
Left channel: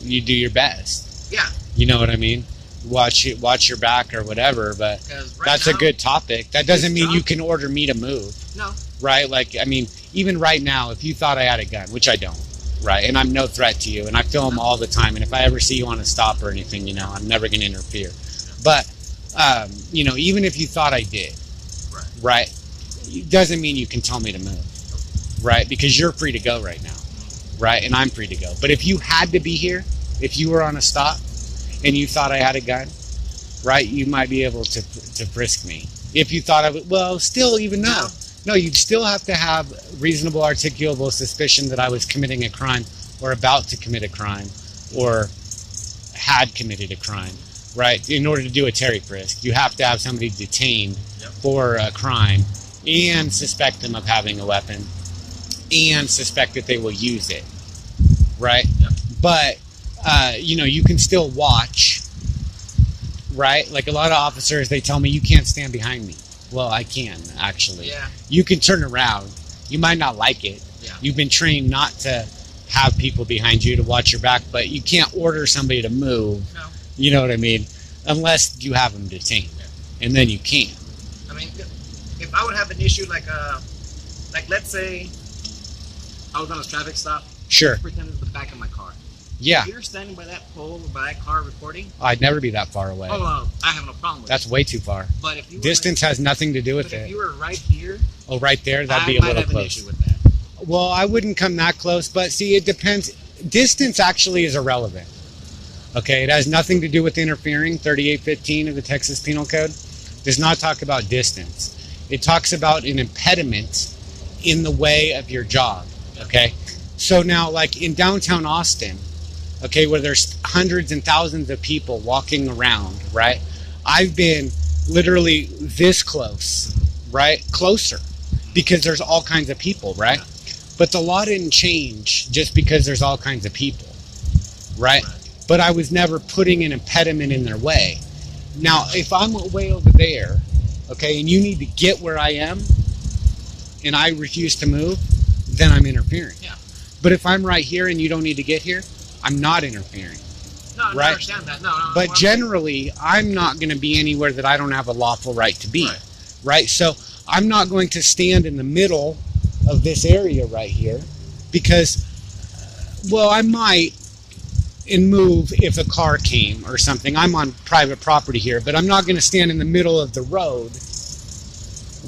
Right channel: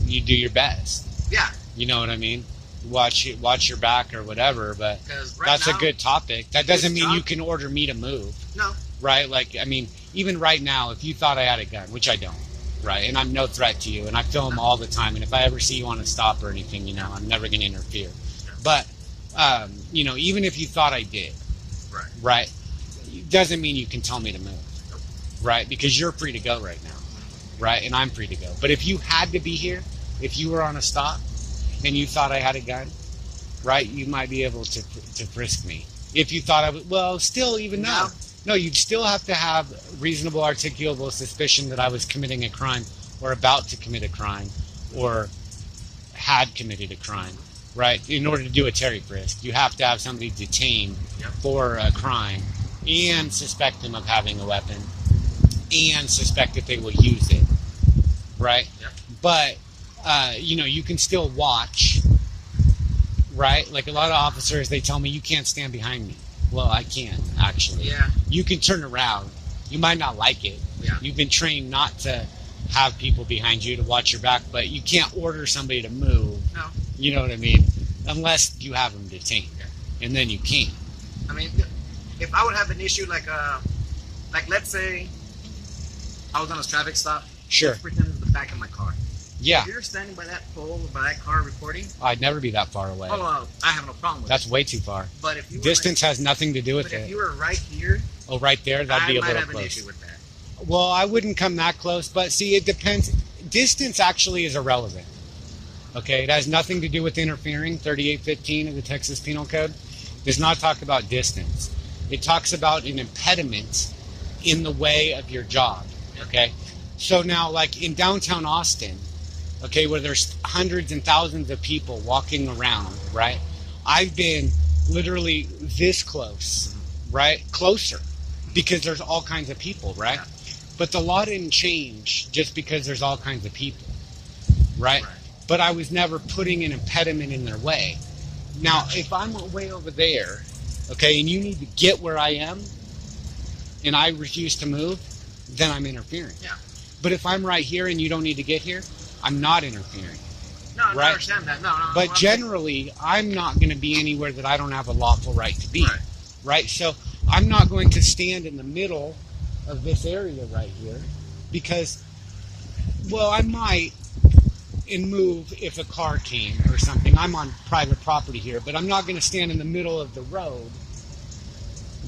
You do your best. Yeah. You know what I mean? Watch your back or whatever, but Right that's now, a good topic. That doesn't mean job- you can order me to move, No. right? Like, I mean, even right now, if you thought I had a gun, which I don't, right? And I'm no threat to you, and I film all the time, and if I ever see you on a stop or anything, you know, I'm never going to interfere. But, you know, even if you thought I did, right, it doesn't mean you can tell me to move, right? Because you're free to go right now, right? And I'm free to go. But if you had to be here, if you were on a stop, and you thought I had a gun, right, you might be able to frisk me. If you thought I would, well, still, even now, no, you'd still have to have reasonable articulable suspicion that I was committing a crime or about to commit a crime or had committed a crime, right? In order to do a Terry frisk, you have to have somebody detained for a crime and suspect them of having a weapon and suspect that they will use it, right? But you know, you can still watch, right? Like a lot of officers, they tell me you can't stand behind me. Well, I can, actually. Yeah. You can turn around. You might not like it. Yeah. You've been trained not to have people behind you to watch your back, but you can't order somebody to move. No. You know what I mean? Unless you have them detained. And then you can. I mean, if I would have an issue like let's say I was on a traffic stop. Sure. Let's pretend it's the back of my car. Yeah. If you're standing by that pole, by that car recording. I'd never be that far away. Oh, I have no problem with That's it. way too far. But if you were Distance has nothing to do with But if it. you were right here, Oh, right there? That'd be I a might little have an close. issue with that. Well, I wouldn't come that close, but see, it depends. Distance actually is irrelevant. Okay, it has nothing to do with interfering. 3815 of the Texas Penal Code does not talk about distance. It talks about an impediment in the way of your job. Okay, so now, like in downtown Austin, okay, where there's hundreds and thousands of people walking around, right? I've been literally this close, right? Closer, because there's all kinds of people, right? But the law didn't change just because there's all kinds of people, right? But I was never putting an impediment in their way. Now, if I'm way over there, okay, and you need to get where I am, and I refuse to move, then I'm interfering. Yeah. But if I'm right here and you don't need to get here, I'm not interfering. No, I Right. understand that. No. But I'm generally, I'm not going to be anywhere that I don't have a lawful right to be. Right. Right? So I'm not going to stand in the middle of this area right here because, well, I might and move if a car came or something. I'm on private property here, but I'm not going to stand in the middle of the road,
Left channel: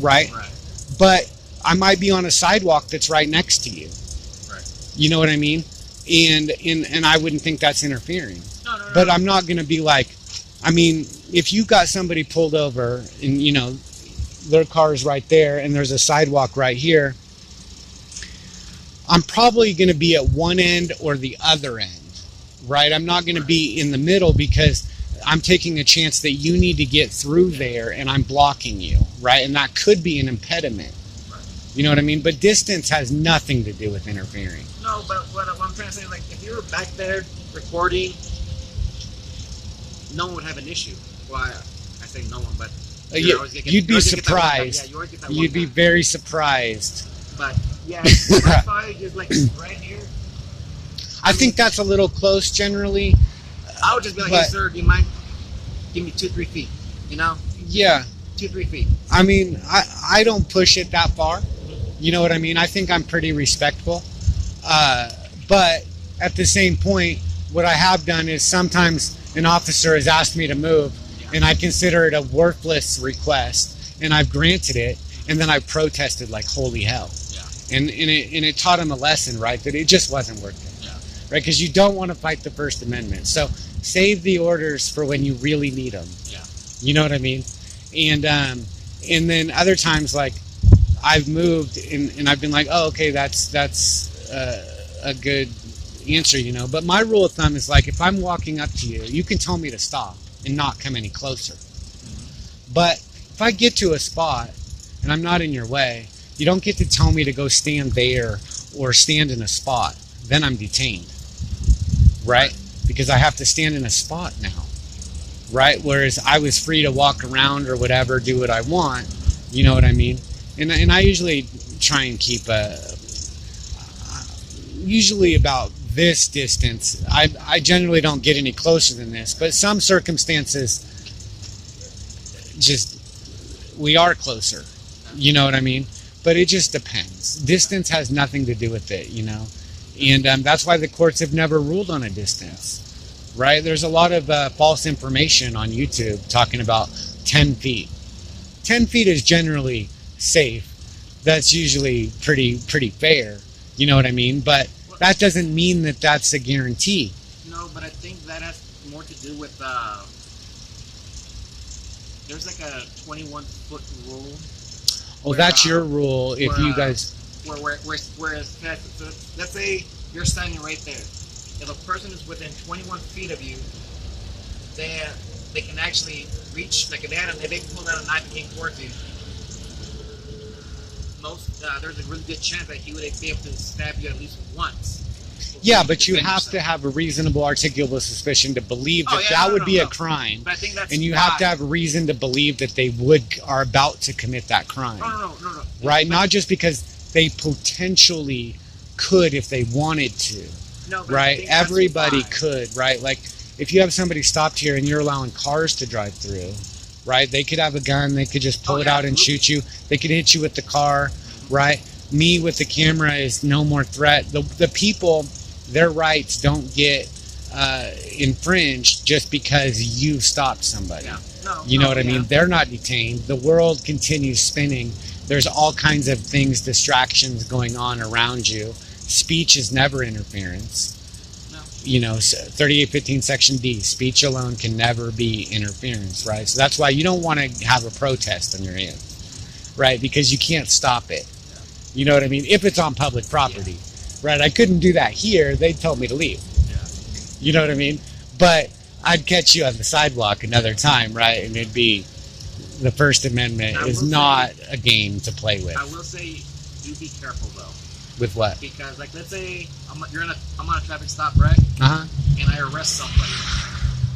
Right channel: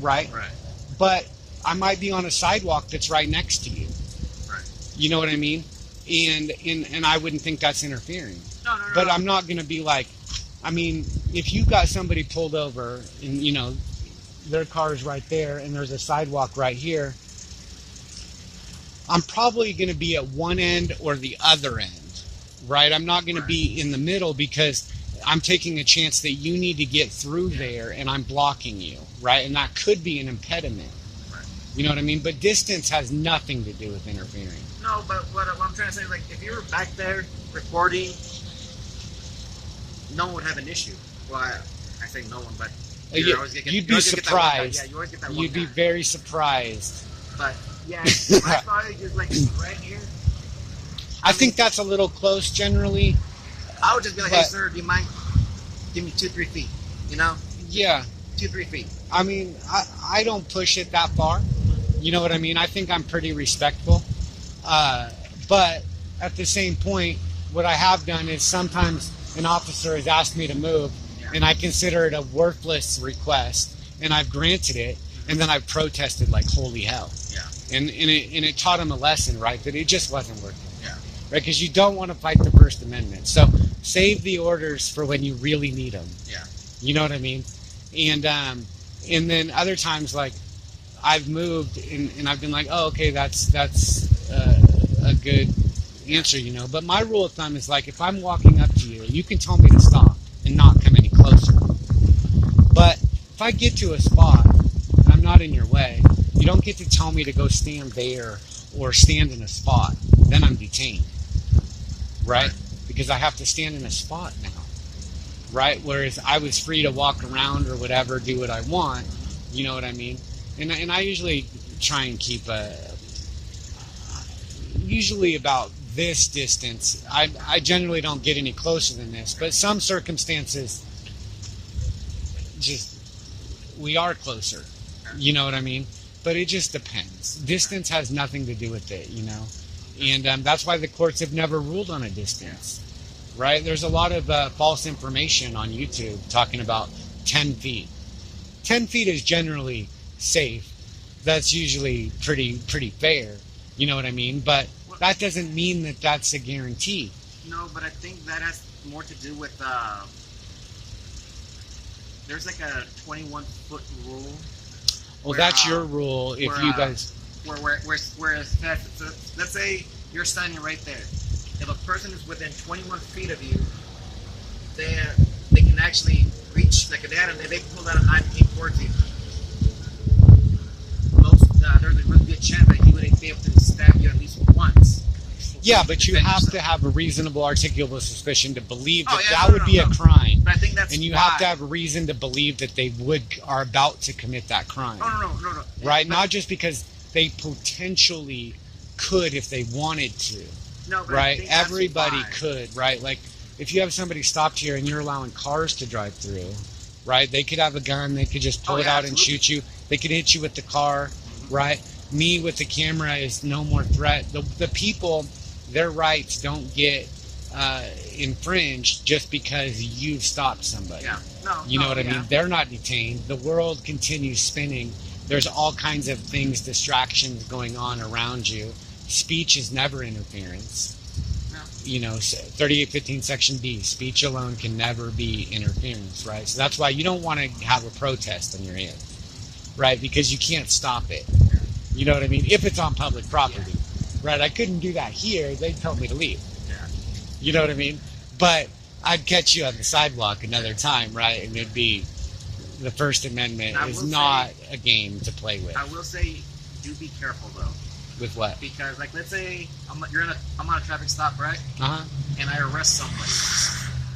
right? Right. But I might be on a sidewalk that's right next to you. Right. You know what I mean? And I wouldn't think that's interfering. No. But I'm not going to be like, I mean, if you got somebody pulled over and, you know, their car is right there and there's a sidewalk right here, I'm probably going to be at one end or the other end, right? I'm not going to be in the middle because I'm taking a chance that you need to get through there and I'm blocking you, right? And that could be an impediment. Right. You know what I mean? But distance has nothing to do with interfering. No, but what I'm trying to say is, like, if you were back there recording, no one would have an issue. Well, I say no one, but You'd be surprised. Yeah, you always get that one You'd be guy. very surprised. But yeah, if I saw it just like right here, I think that's a little close generally. I would just be like, hey, But- sir, do you mind? Give me 2-3 feet. You know, Yeah. 2-3 feet. I mean, I don't push it that far. You know what I mean? I think I'm pretty respectful. But at the same point, what I have done is sometimes an officer has asked me to move, and I consider it a worthless request, and I've granted it, and then I've protested like holy hell. Yeah. And it taught him a lesson, right? That it just wasn't worth it. Yeah. Right? Because you don't want to fight the First Amendment. So save the orders for when you really need them. Yeah. You know what I mean? And then other times, like, I've moved and I've been like, oh, okay, that's a good answer, you know. But my rule of thumb is, like, if I'm walking up to you, you can tell me to stop and not come any closer. But if I get to a spot and I'm not in your way, you don't get to tell me to go stand there or stand in a spot. Then I'm detained. Right? because I have to stand in a spot now, right? Whereas I was free to walk around or whatever, do what I want. You know what I mean? And I usually try and keep usually about this distance. I generally don't get any closer than this, but some circumstances, just we are closer. You know what I mean? But it just depends. Distance has nothing to do with it, you know? And that's why the courts have never ruled on a distance, right? There's a lot of false information on YouTube talking about 10 feet. 10 feet is generally safe. That's usually pretty fair. You know what I mean? But that doesn't mean that that's a guarantee. No, but I think that has more to do with there's like a 21-foot rule. Well, that's your rule. If you guys, where let's say you're standing right there. If a person is within 21 feet of you, they can actually reach, like if they pull out a knife and came towards you. There's a really good chance that he would be able to stab you at least once. Yeah, but you have to have a reasonable, articulable suspicion to believe that would be a crime. But I think that's and you have to have a reason to believe that they are about to commit that crime. No. Right? Not just because they potentially could if they wanted to. No, but right? Everybody could, right? Like, if you have somebody stopped here and you're allowing cars to drive through, right? They could have a gun. They could just pull it out and shoot you. They could hit you with the car, right? Me with the camera is no more threat. The people, their rights don't get infringed just because you stopped somebody. Yeah. You know what I mean? They're not detained. The world continues spinning. There's all kinds of things, distractions going on around you. Speech is never interference. No. You know, 3815 Section D, speech alone can never be interference, right? So that's why you don't want to have a protest on your end, right? Because you can't stop it. Yeah. You know what I mean? If it's on public property, right? I couldn't do that here. They'd tell me to leave. Yeah. You know what I mean? But I'd catch you on the sidewalk another time, right? And it'd be the First Amendment is not a game to play with. I will say, do be careful though. With what? Because, like, let's say I'm on a traffic stop, right? And I arrest somebody.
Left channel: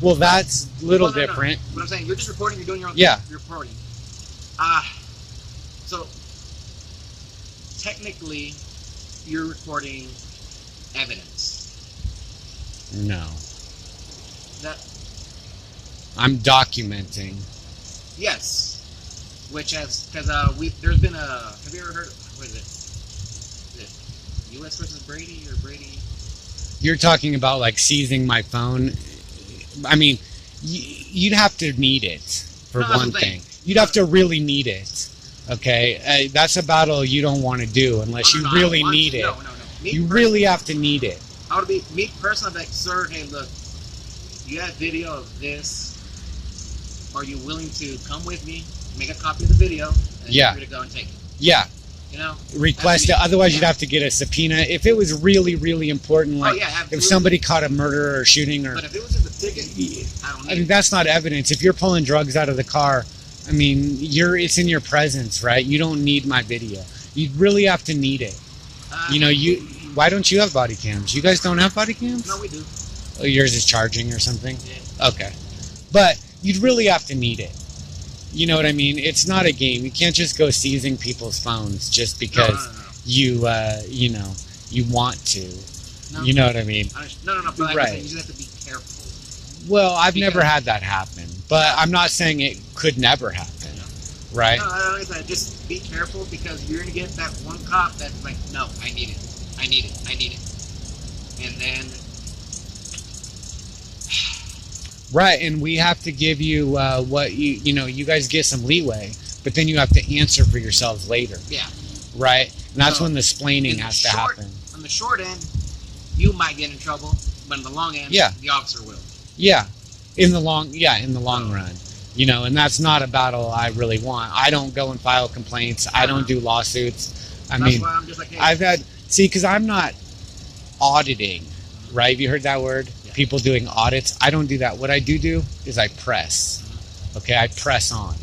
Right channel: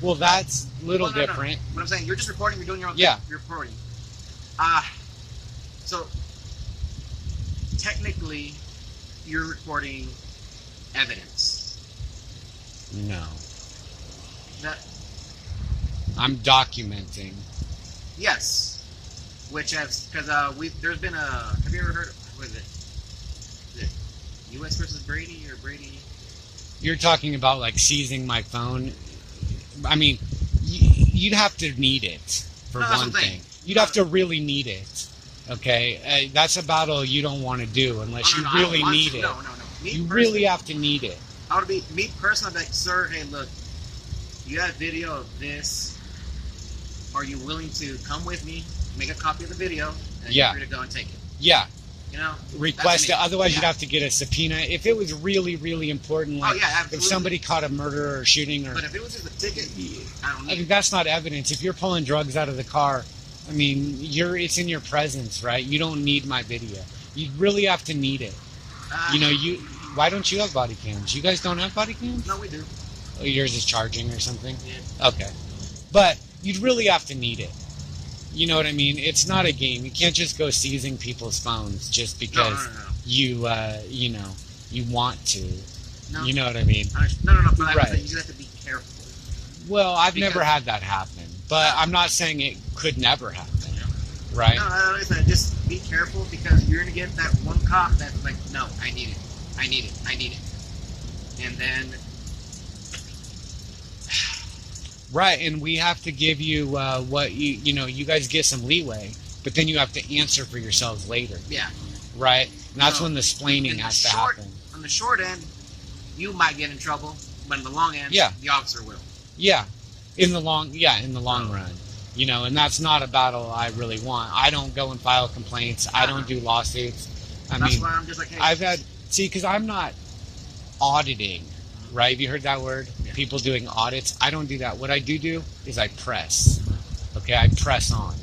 Well, that's a little different. What I'm saying, you're just reporting. You're doing your own thing. You're reporting. So technically, you're recording evidence. No. That. I'm documenting. Yes. Which has because there's been a. Have you ever heard? What is it? U.S. versus Brady or Brady? You're talking about like seizing my phone. I mean, you'd have to need it for one thing. You'd have to really need it. Okay, that's a battle you don't want to do unless you really need it. No. You really have to need it. I would be me personally. Like, sir, hey, look, you have video of this. Are you willing to come with me, make a copy of the video, and you're free to go and take it? Yeah. You know, request it. Otherwise, you'd have to get a subpoena. If it was really, really important, like if somebody caught a murder or shooting, or but if it was just a ticket, I don't need. I mean, that's not evidence. If you're pulling drugs out of the car, I mean, it's in your presence, right? You don't need my video. You really have to need it. You know, why don't you have body cams? You guys don't have body cams? No, we do. Oh, yours is charging or something? Yeah. Okay, but you'd really have to need it. You know what I mean? It's not a game. You can't just go seizing people's phones just because you want to. No. You know what I mean? No. But right. You just have to be careful. Well, I've never had that happen, but I'm not saying it could never happen. Yeah. Right? No, just be careful because you're gonna get that one cop that's like, no, I need it, and then. Right, and we have to give you what you guys get some leeway, but then you have to answer for yourselves later. Yeah. Right? And that's when the splaining has to happen. On the short end, you might get in trouble, but in the long end, the officer will. Yeah. In the long run. You know, and that's not a battle I really want. I don't go and file complaints. I don't do lawsuits. That's why I'm just like, hey. because I'm not auditing, right? Have you heard that word? People doing audits. I don't do that. What I do is I press. Okay, I press on,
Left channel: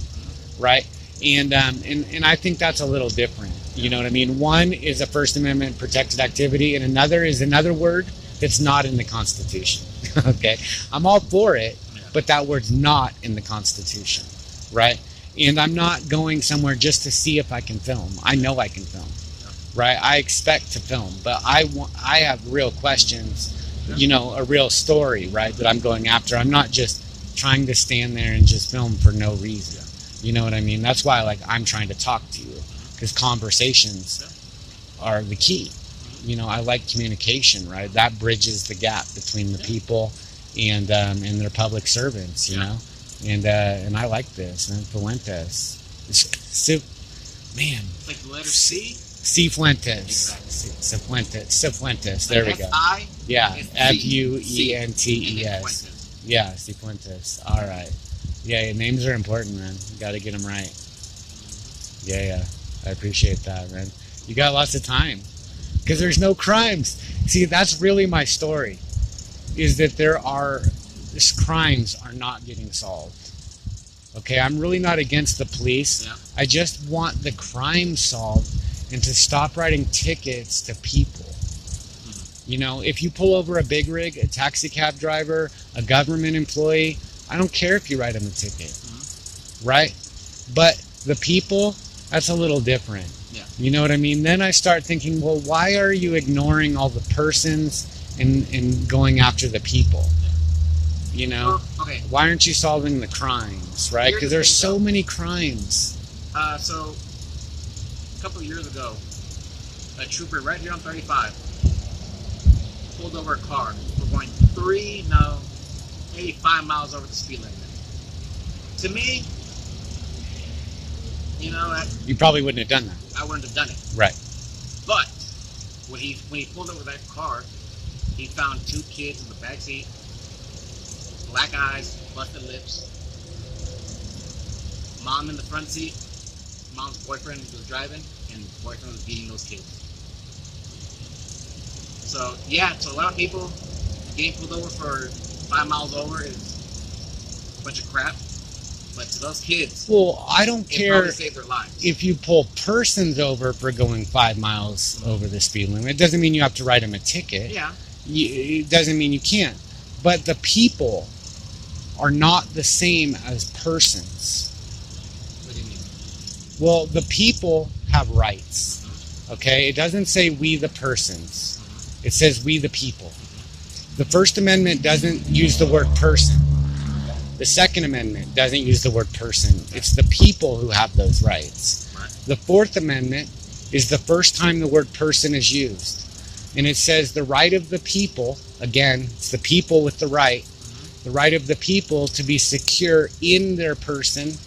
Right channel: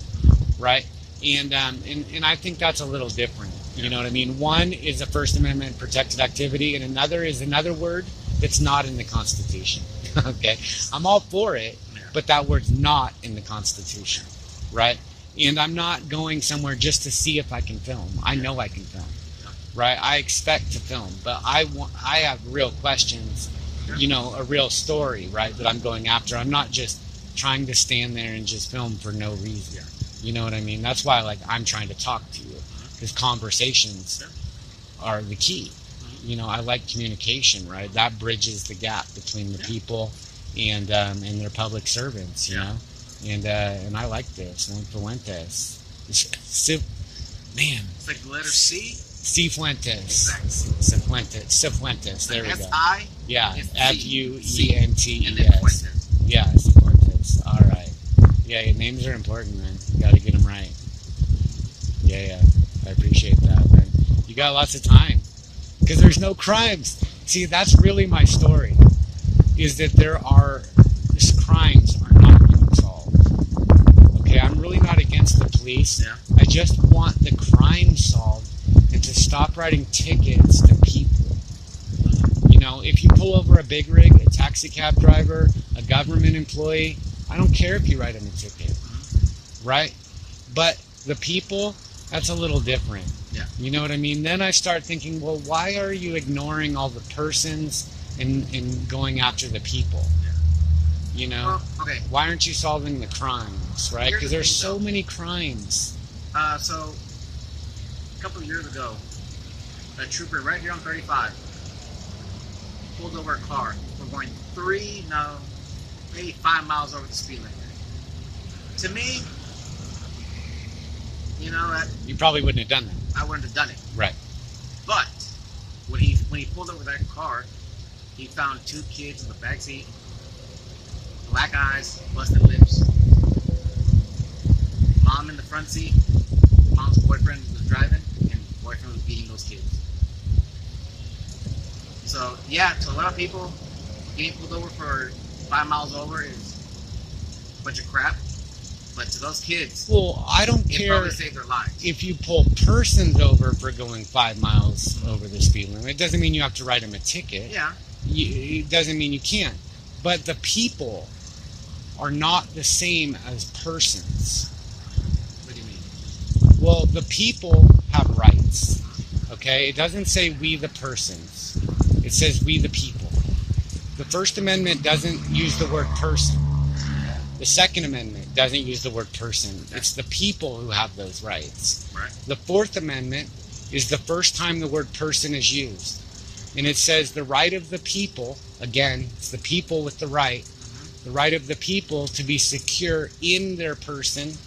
right? And I think that's a little different. You know what I mean? One is a First Amendment protected activity, and another is another word that's not in the Constitution. Okay, I'm all for it, but that word's not in the Constitution, right? And I'm not going somewhere just to see if I can film. I know I can film, right? I expect to film, but I have real questions, you know, a real story, right, that I'm going after. I'm not just trying to stand there and just film for no reason. You know what I mean? That's why, like, I'm trying to talk to you, because conversations are the key. You know, I like communication, right? That bridges the gap between the people and their public servants, you know? And I like this. And Fuentes. Man. It's like the letter C? Sifuentes. Exactly. Sifuentes. There we go. S-I? Yeah. Fuentes. Fuentes. Yeah, Sifuentes. All right. Yeah, names are important, man. You got to get them right. Yeah. I appreciate that, man. You got lots of time. Because there's no crimes. See, that's really my story. Is that these crimes are not getting solved. Okay, I'm really not against the police. Yeah. I just want the crime solved and to stop writing tickets to people. You know, if you pull over a big rig, a taxi cab driver, a government employee, I don't care if you write them a ticket. Right? But the people, that's a little different. Yeah. You know what I mean? Then I start thinking, well, why are you ignoring all the persons and going after the people? Yeah. You know? Well, okay. Why aren't you solving the crimes, right? Because there's so many crimes. So, a couple of years ago, a trooper right here on 35 pulled over a car. We're going maybe 5 miles over the speed limit. To me, you know, You probably wouldn't have done that. I wouldn't have done it. Right. But when he pulled over that car, he found 2 kids in the back seat, black eyes, busted lips. Mom in the front seat. Mom's boyfriend was driving, and boyfriend was beating those kids. So yeah, to a lot of people, getting pulled over for 5 miles over is a bunch of crap. But to those kids, well, I don't it care probably saved their lives. if you pull persons over for going 5 miles over the speed limit. It doesn't mean you have to write them a ticket. Yeah. It doesn't mean you can't. But the people are not the same as persons. What do you mean? Well, the people have rights. Okay? It doesn't say we the persons. It says we the people. The First Amendment doesn't use the word person. The Second Amendment doesn't use the word person. It's the people who have those rights. Right. The Fourth Amendment is the first time the word person is used. And it says the right of the people, again, it's the people with the right of the people to be secure in their person,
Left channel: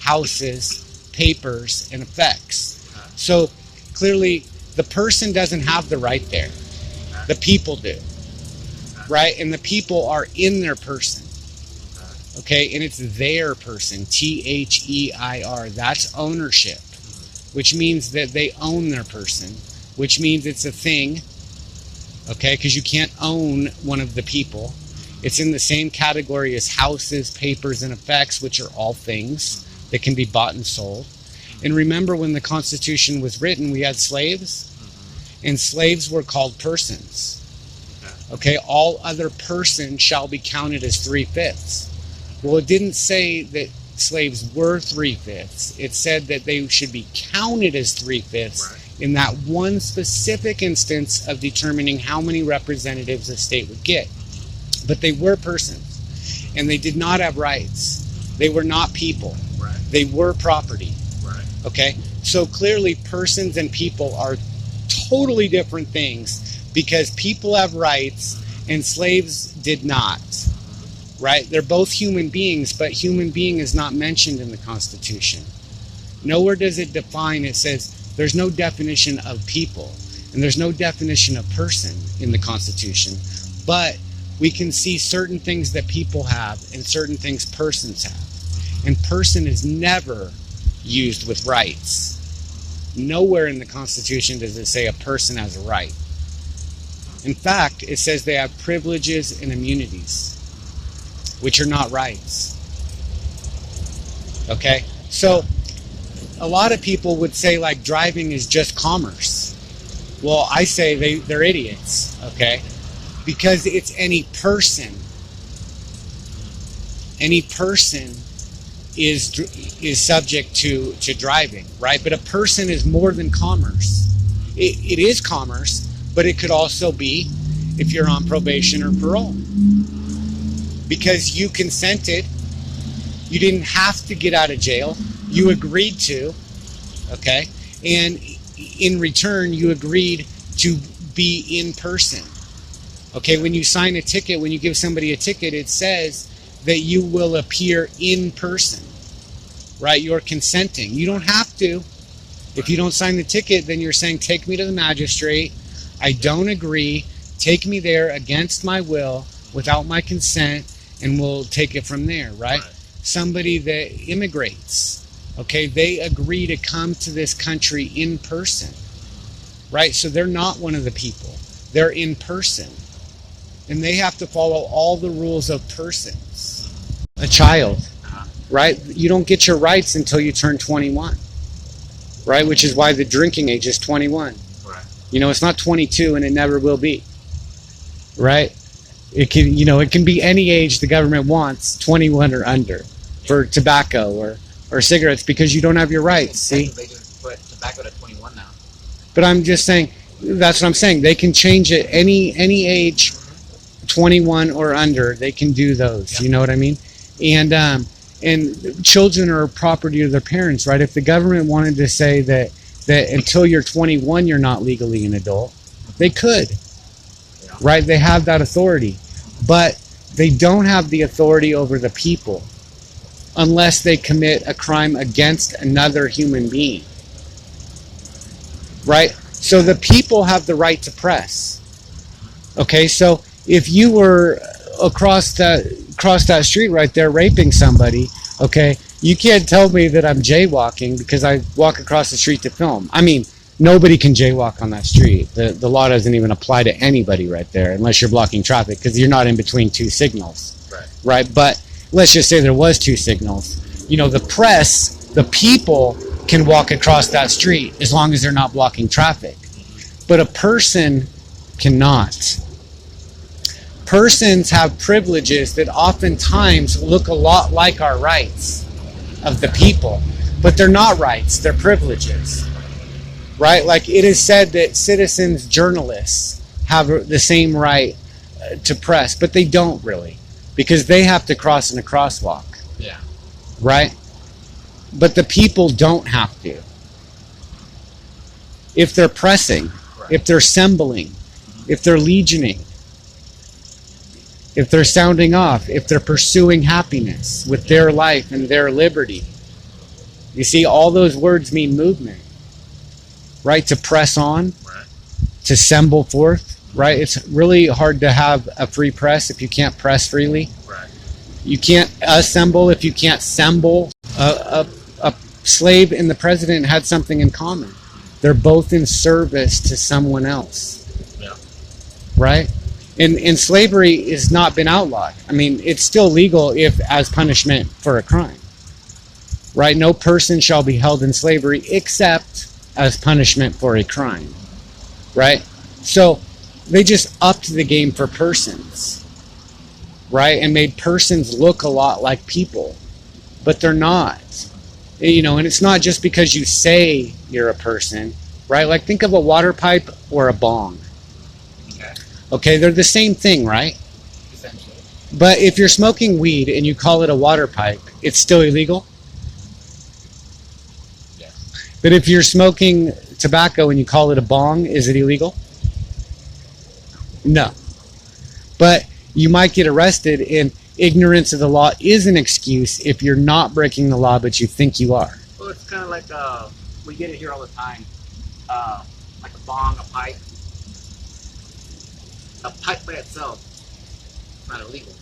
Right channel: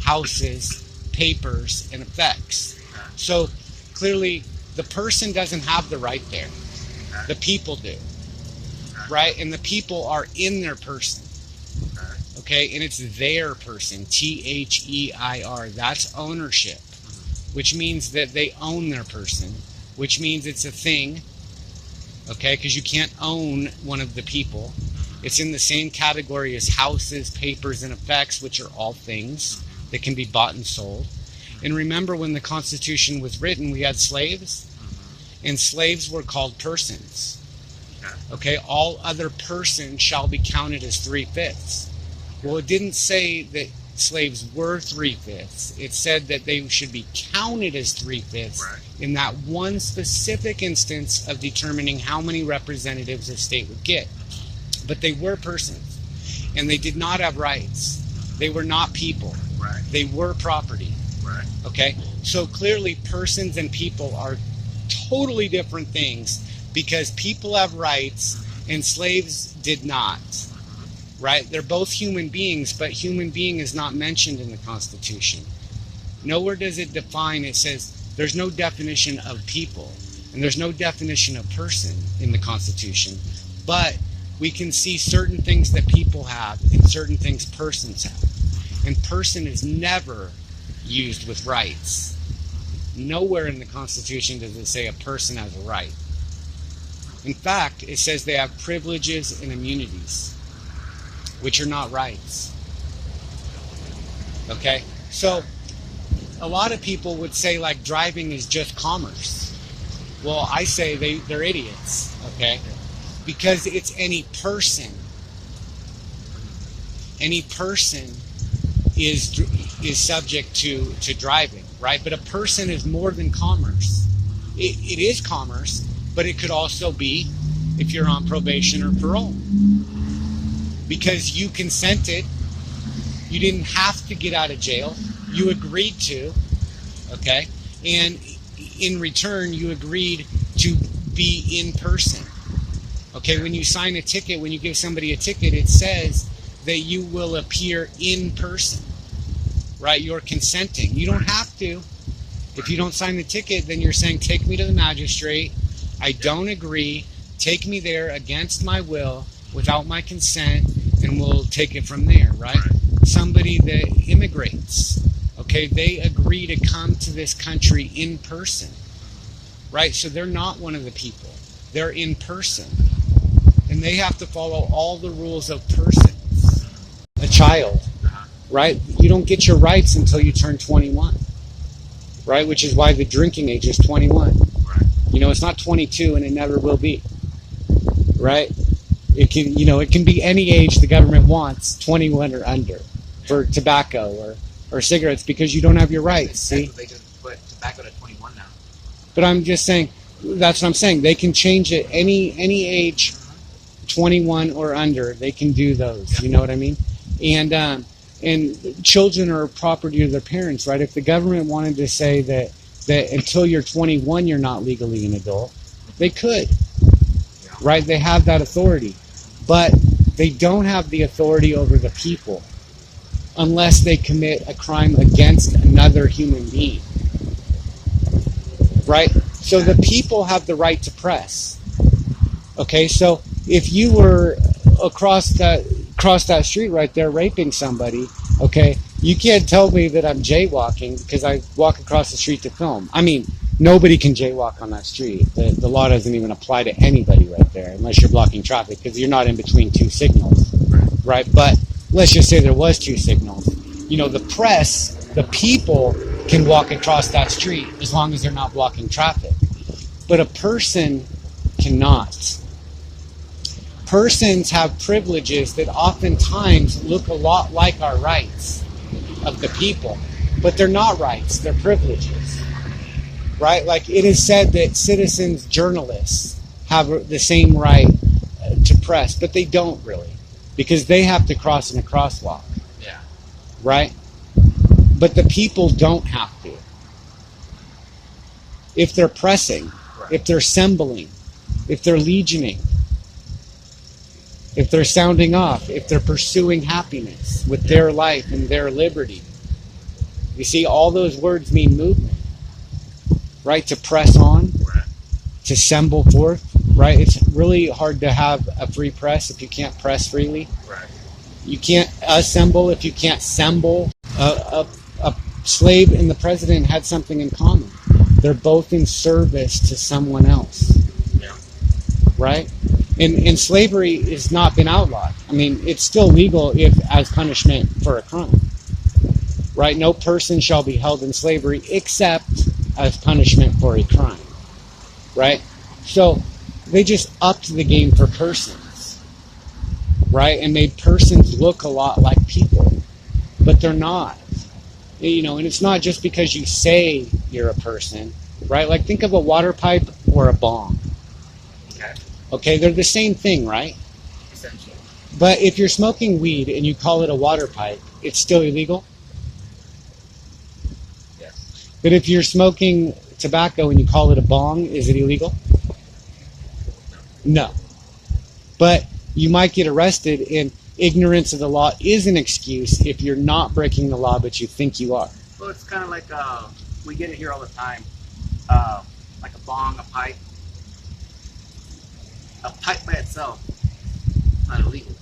houses, papers, and effects. So clearly the person doesn't have the right there. The people do. Right? And the people are in their person. Okay, and it's their person, T-H-E-I-R. That's ownership, which means that they own their person, which means it's a thing, okay, because you can't own one of the people. It's in the same category as houses, papers, and effects, which are all things that can be bought and sold. And remember, when the Constitution was written, we had slaves, and slaves were called persons. Okay, all other persons shall be counted as 3/5. Well, it didn't say that slaves were 3/5. It said that they should be counted as 3/5 in that one specific instance of determining how many representatives a state would get. But they were persons, and they did not have rights. They were not people. They were property. Okay? So clearly persons and people are totally different things, because people have rights and slaves did not. Right? They're both human beings, but human being is not mentioned in the Constitution. Nowhere does it define. It says there's no definition of people, and there's no definition of person in the Constitution. But we can see certain things that people have and certain things persons have. And person is never used with rights. Nowhere in the Constitution does it say a person has a right. In fact, it says they have privileges and immunities, which are not rights. Okay? So, a lot of people would say, like, driving is just commerce. Well, I say they're idiots, okay? because it's any person. Any person is subject to driving, right? But a person is more than commerce. It is commerce, but it could also be if you're on probation or parole. Because you consented, you didn't have to get out of jail, you agreed to, okay? And in return, you agreed to be in person. Okay, when you sign a ticket, when you give somebody a ticket, it says that you will appear in person, right? You're consenting. You don't have to. If you don't sign the ticket, then you're saying, take me to the magistrate. I don't agree. Take me there against my will, without my consent, and we'll take it from there, right? Somebody that immigrates, okay, they agree to come to this country in person, right? So they're not one of the people. They're in person. And they have to follow all the rules of persons. A child, right? You don't get your rights until you turn 21, right? Which is why the drinking age is 21. Right. You know, it's not 22 and it never will be, right? It can, you know, it can be any age the government wants, 21 or under, for tobacco or cigarettes, because you don't have your rights. See? They just put tobacco to 21 now. But I'm just saying, that's what I'm saying. They can change it any age, 21 or under. They can do those. You know what I mean? And children are property of their parents, right? If the government wanted to say that until you're 21 you're not legally an adult, they could, right? They have that authority, but they don't have the authority over the people unless they commit a crime against another human being, right? So the people have the right to press. Okay, so if you were across that street right there raping somebody, okay, you can't tell me that I'm jaywalking because I walk across the street to film. I mean, nobody can jaywalk on that street. The law doesn't even apply to anybody right there unless you're blocking traffic, because you're not in between two signals, right? But let's just say there was two signals. You know, the press, the people can walk across that street as long as they're not blocking traffic. But a person cannot. Persons have privileges that oftentimes look a lot like our rights of the people, but they're not rights, they're privileges, right? Like it is said that citizens, journalists have the same right to press, but they don't really, because they have to cross in a crosswalk, right? But the people don't have to. If they're pressing, if they're assembling, if they're legioning, if they're sounding off, if they're pursuing happiness with their life and their liberty. You see, all those words mean movement, right? To press on, to assemble forth, right? It's really hard to have a free press if you can't press freely. You can't assemble if you can't assemble. A slave and the president had something in common. They're both in service to someone else, right? And slavery has not been outlawed. I mean, it's still legal if as punishment for a crime, right? No person shall be held in slavery except as punishment for a crime, right? So they just upped the game for persons, right? And made persons look a lot like people, but they're not. You know, and it's not just because you say you're a person, right? Like think of a water pipe or a bong. Okay, they're the same thing, right? Essentially. But if you're smoking weed and you call it a water pipe, it's still illegal? Yes. But if you're smoking tobacco and you call it a bong, is it illegal? No. But you might get arrested, and ignorance of the law is an excuse if you're not breaking the law but you think you are. Well, it's kind of like, we get it here all the time, like a bong, a pipe. A pipe by itself is not illegal,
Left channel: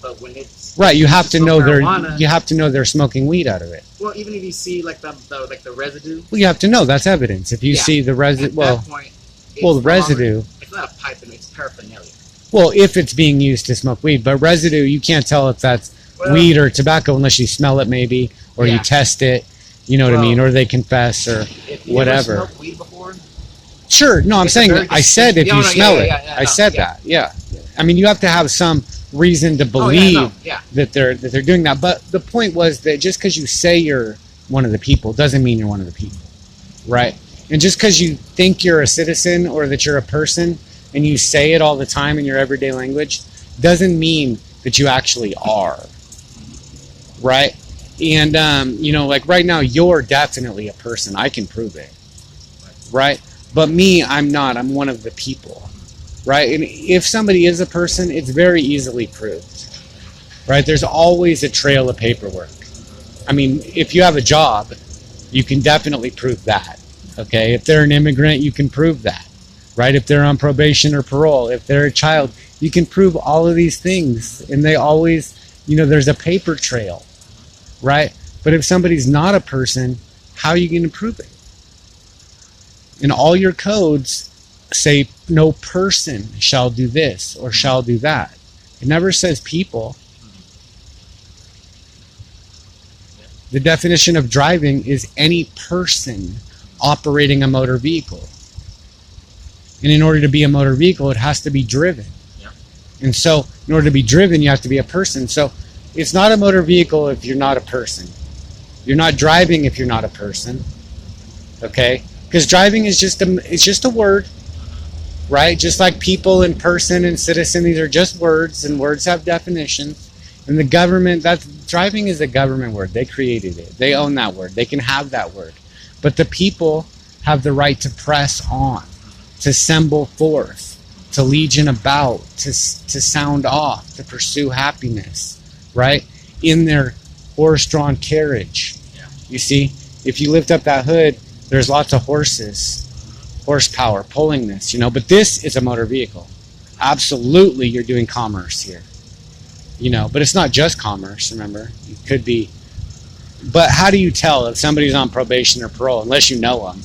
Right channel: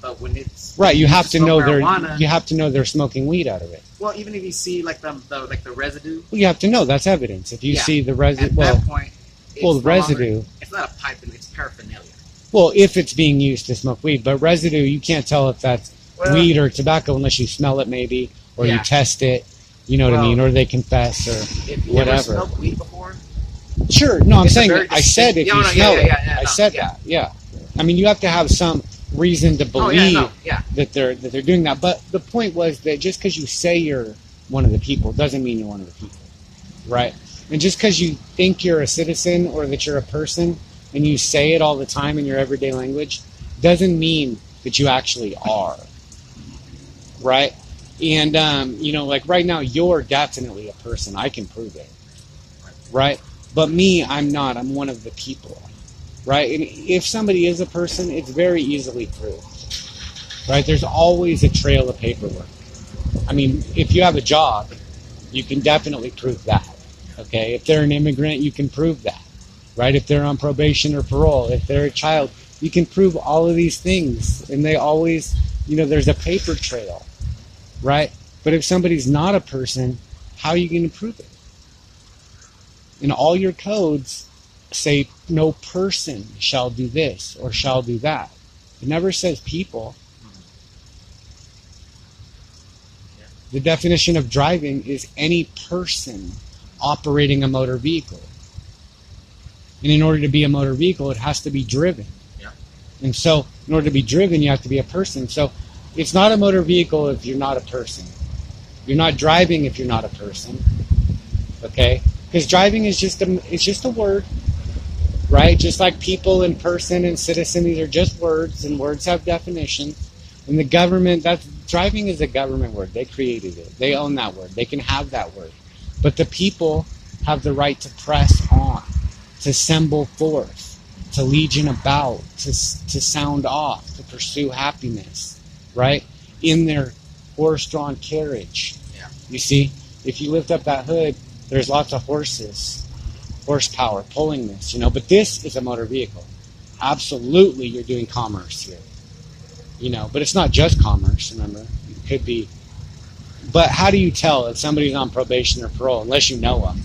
but when it's right, you have to know they're smoking weed out of it. Well, even if you see like the residue, well, you have to know that's evidence. If you see the residue, at that point, the residue. It's not a pipe, it's paraphernalia. Well, if it's being used to smoke weed, but residue, you can't tell if that's weed or tobacco unless you smell it, maybe, or you test it. You know what I mean, or they confess, or if you whatever. Ever smoked weed before? Sure. No, I'm It's a saying very I said if Yeah, you no, smell it. yeah, I no, said yeah. that. Yeah. I mean, you have to have some reason to Oh, yeah, believe no, yeah. that they're doing that. But the point was that just because you say you're one of the people doesn't mean you're one of the people, right? And just because you think you're a citizen or that you're a person and you say it all the time in your everyday language doesn't mean that you actually are, right? And like right now, you're definitely a person. I can prove it, right? But me, I'm not. I'm one of the people, right? And if somebody is a person, it's very easily proved, right? There's always a trail of paperwork. I mean, if you have a job, you can definitely prove that, okay? If they're an immigrant, you can prove that, right? If they're on probation or parole, if they're a child, you can prove all of these things. And they always, there's a paper trail, right? But if somebody's not a person, how are you going to prove it? And all your codes say no person shall do this or shall do that. It never says people. The definition of driving is any person operating a motor vehicle. And in order to be a motor vehicle, it has to be driven. Yeah. And so in order to be driven, you have to be a person. So it's not a motor vehicle if you're not a person. You're not driving if you're not a person. Okay? Because driving is just a word, right? Just like people and person and citizen, these are just words, and words have definitions. And the government, driving is a government word. They created it. They own that word. They can have that word. But the people have the right to press on, to assemble forth, to legion about, to sound off, to pursue happiness, right? In their horse-drawn carriage. Yeah. You see, if you lift up that hood, there's lots of horsepower pulling this, but this is a motor vehicle. Absolutely, you're doing commerce here, but it's not just commerce, remember? It could be. But how do you tell if somebody's on probation or parole, unless you know them?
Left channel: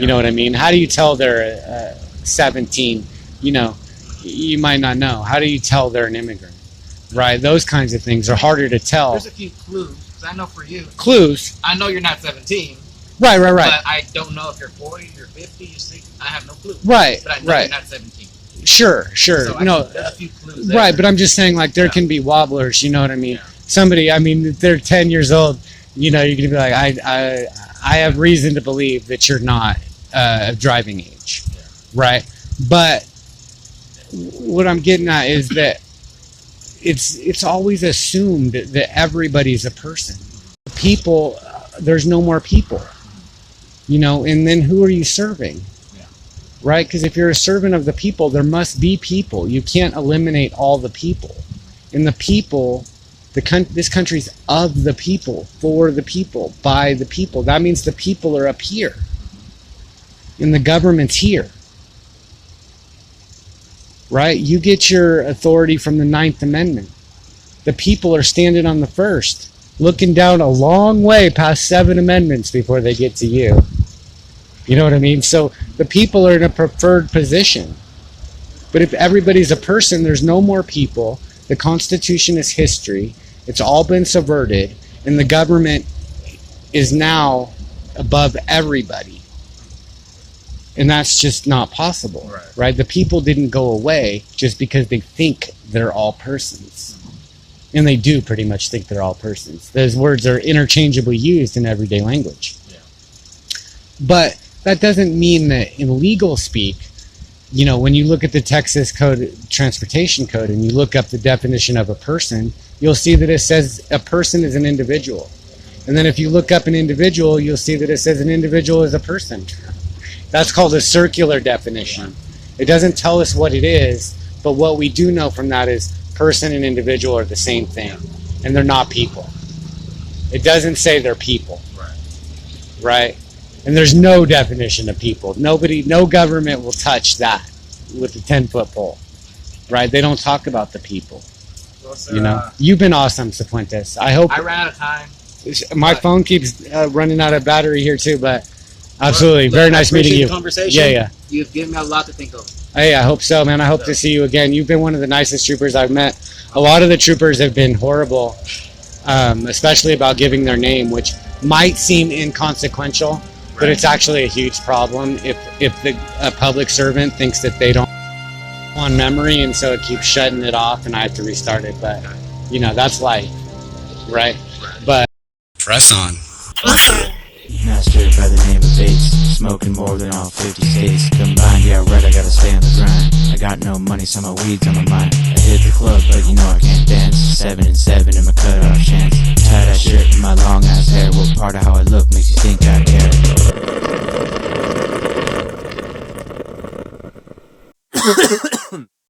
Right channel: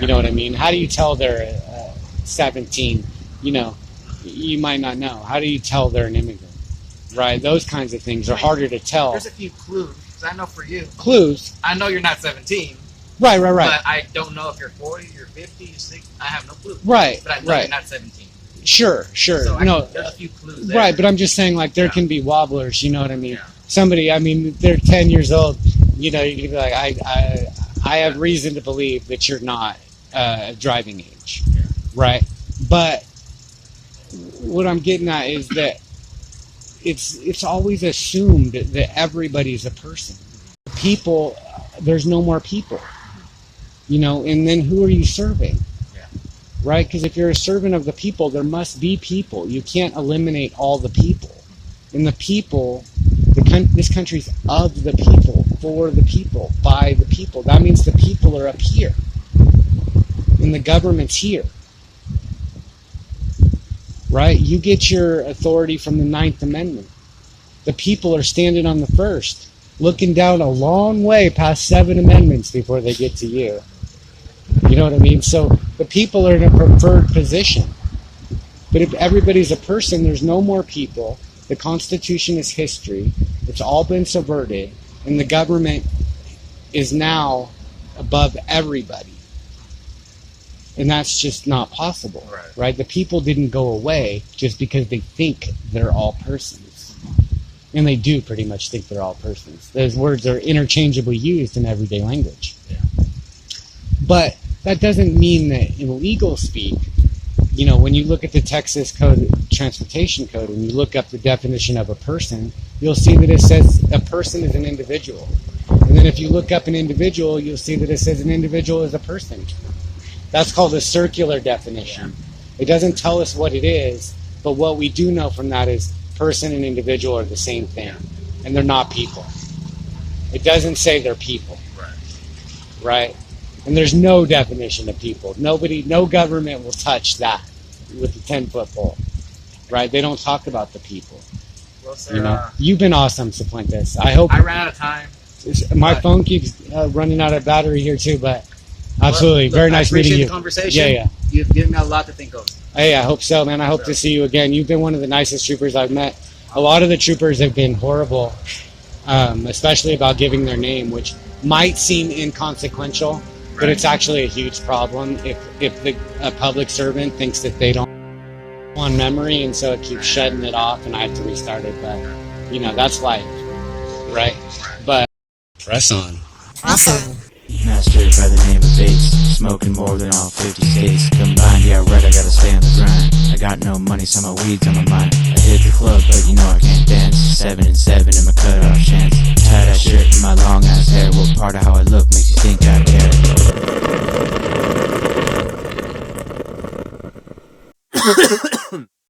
You know what I mean? How do you tell they're 17? You might not know. How do you tell they're an immigrant? Right? Those kinds of things are harder to tell. There's a few clues, because I know for you. Clues? I know you're not 17. Right. But I don't know if you're 40, you're 50, you're 60. I have no clue. Right. But I know you're not 17. Sure. So there's a few clues there. Right, but I'm just saying, there can be wobblers, you know what I mean? Yeah. Somebody, they're 10 years old, you're going to be like, I have reason to believe that you're not of driving age, right? But what I'm getting at is that it's always assumed that everybody's a person. People, there's no more people, and then who are you serving? Right? Because if you're a servant of the people, there must be people. You can't eliminate all the people. And the people, this country's of the people, for the people, by the people. That means the people are up here. And the government's here. Right? You get your authority from the 9th Amendment. The people are standing on the first, looking down a long way past 7 amendments before they get to you. You know what I mean? So the people are in a preferred position. But if everybody's a person, there's no more people. The Constitution is history. It's all been subverted. And the government is now above everybody. And that's just not possible. Right? The people didn't go away just because they think they're all persons. And they do pretty much think they're all persons. Those words are interchangeably used in everyday language. Yeah. But that doesn't mean that in legal speak, when you look at the Texas Transportation Code and you look up the definition of a person, you'll see that it says a person is an individual. And then if you look up an individual, you'll see that it says an individual is a person. That's called a circular definition. It doesn't tell us what it is, but what we do know from that is person and individual are the same thing. And they're not people. It doesn't say they're people. Right? And there's no definition of people. No government will touch that with a 10-foot pole. Right? They don't talk about the people. Well, sir, You've been awesome, Sifuentes. I hope. I ran out of time. My phone keeps running out of battery here too, but absolutely. Very nice meeting you. The conversation. Yeah. You've given me a lot to think of. Hey, I hope so, man. I hope to see you again. You've been one of the nicest troopers I've met. A lot of the troopers have been horrible, especially about giving their name, which might seem inconsequential. but it's actually a huge problem if a public servant thinks that they don't on memory, and so it keeps shutting it off, and I have to restart it. But you know, that's life, right? But press on. Master by the name of Bates, smoking more than all 50 states combined. Yeah, right, I gotta stay on the grind. I got no money, so my weed's on my mind. I hit the club, but you know I can't dance. 7 and 7 in my cutoff chance. Tie that shirt in my long ass hair. What part of how I look makes you think I care?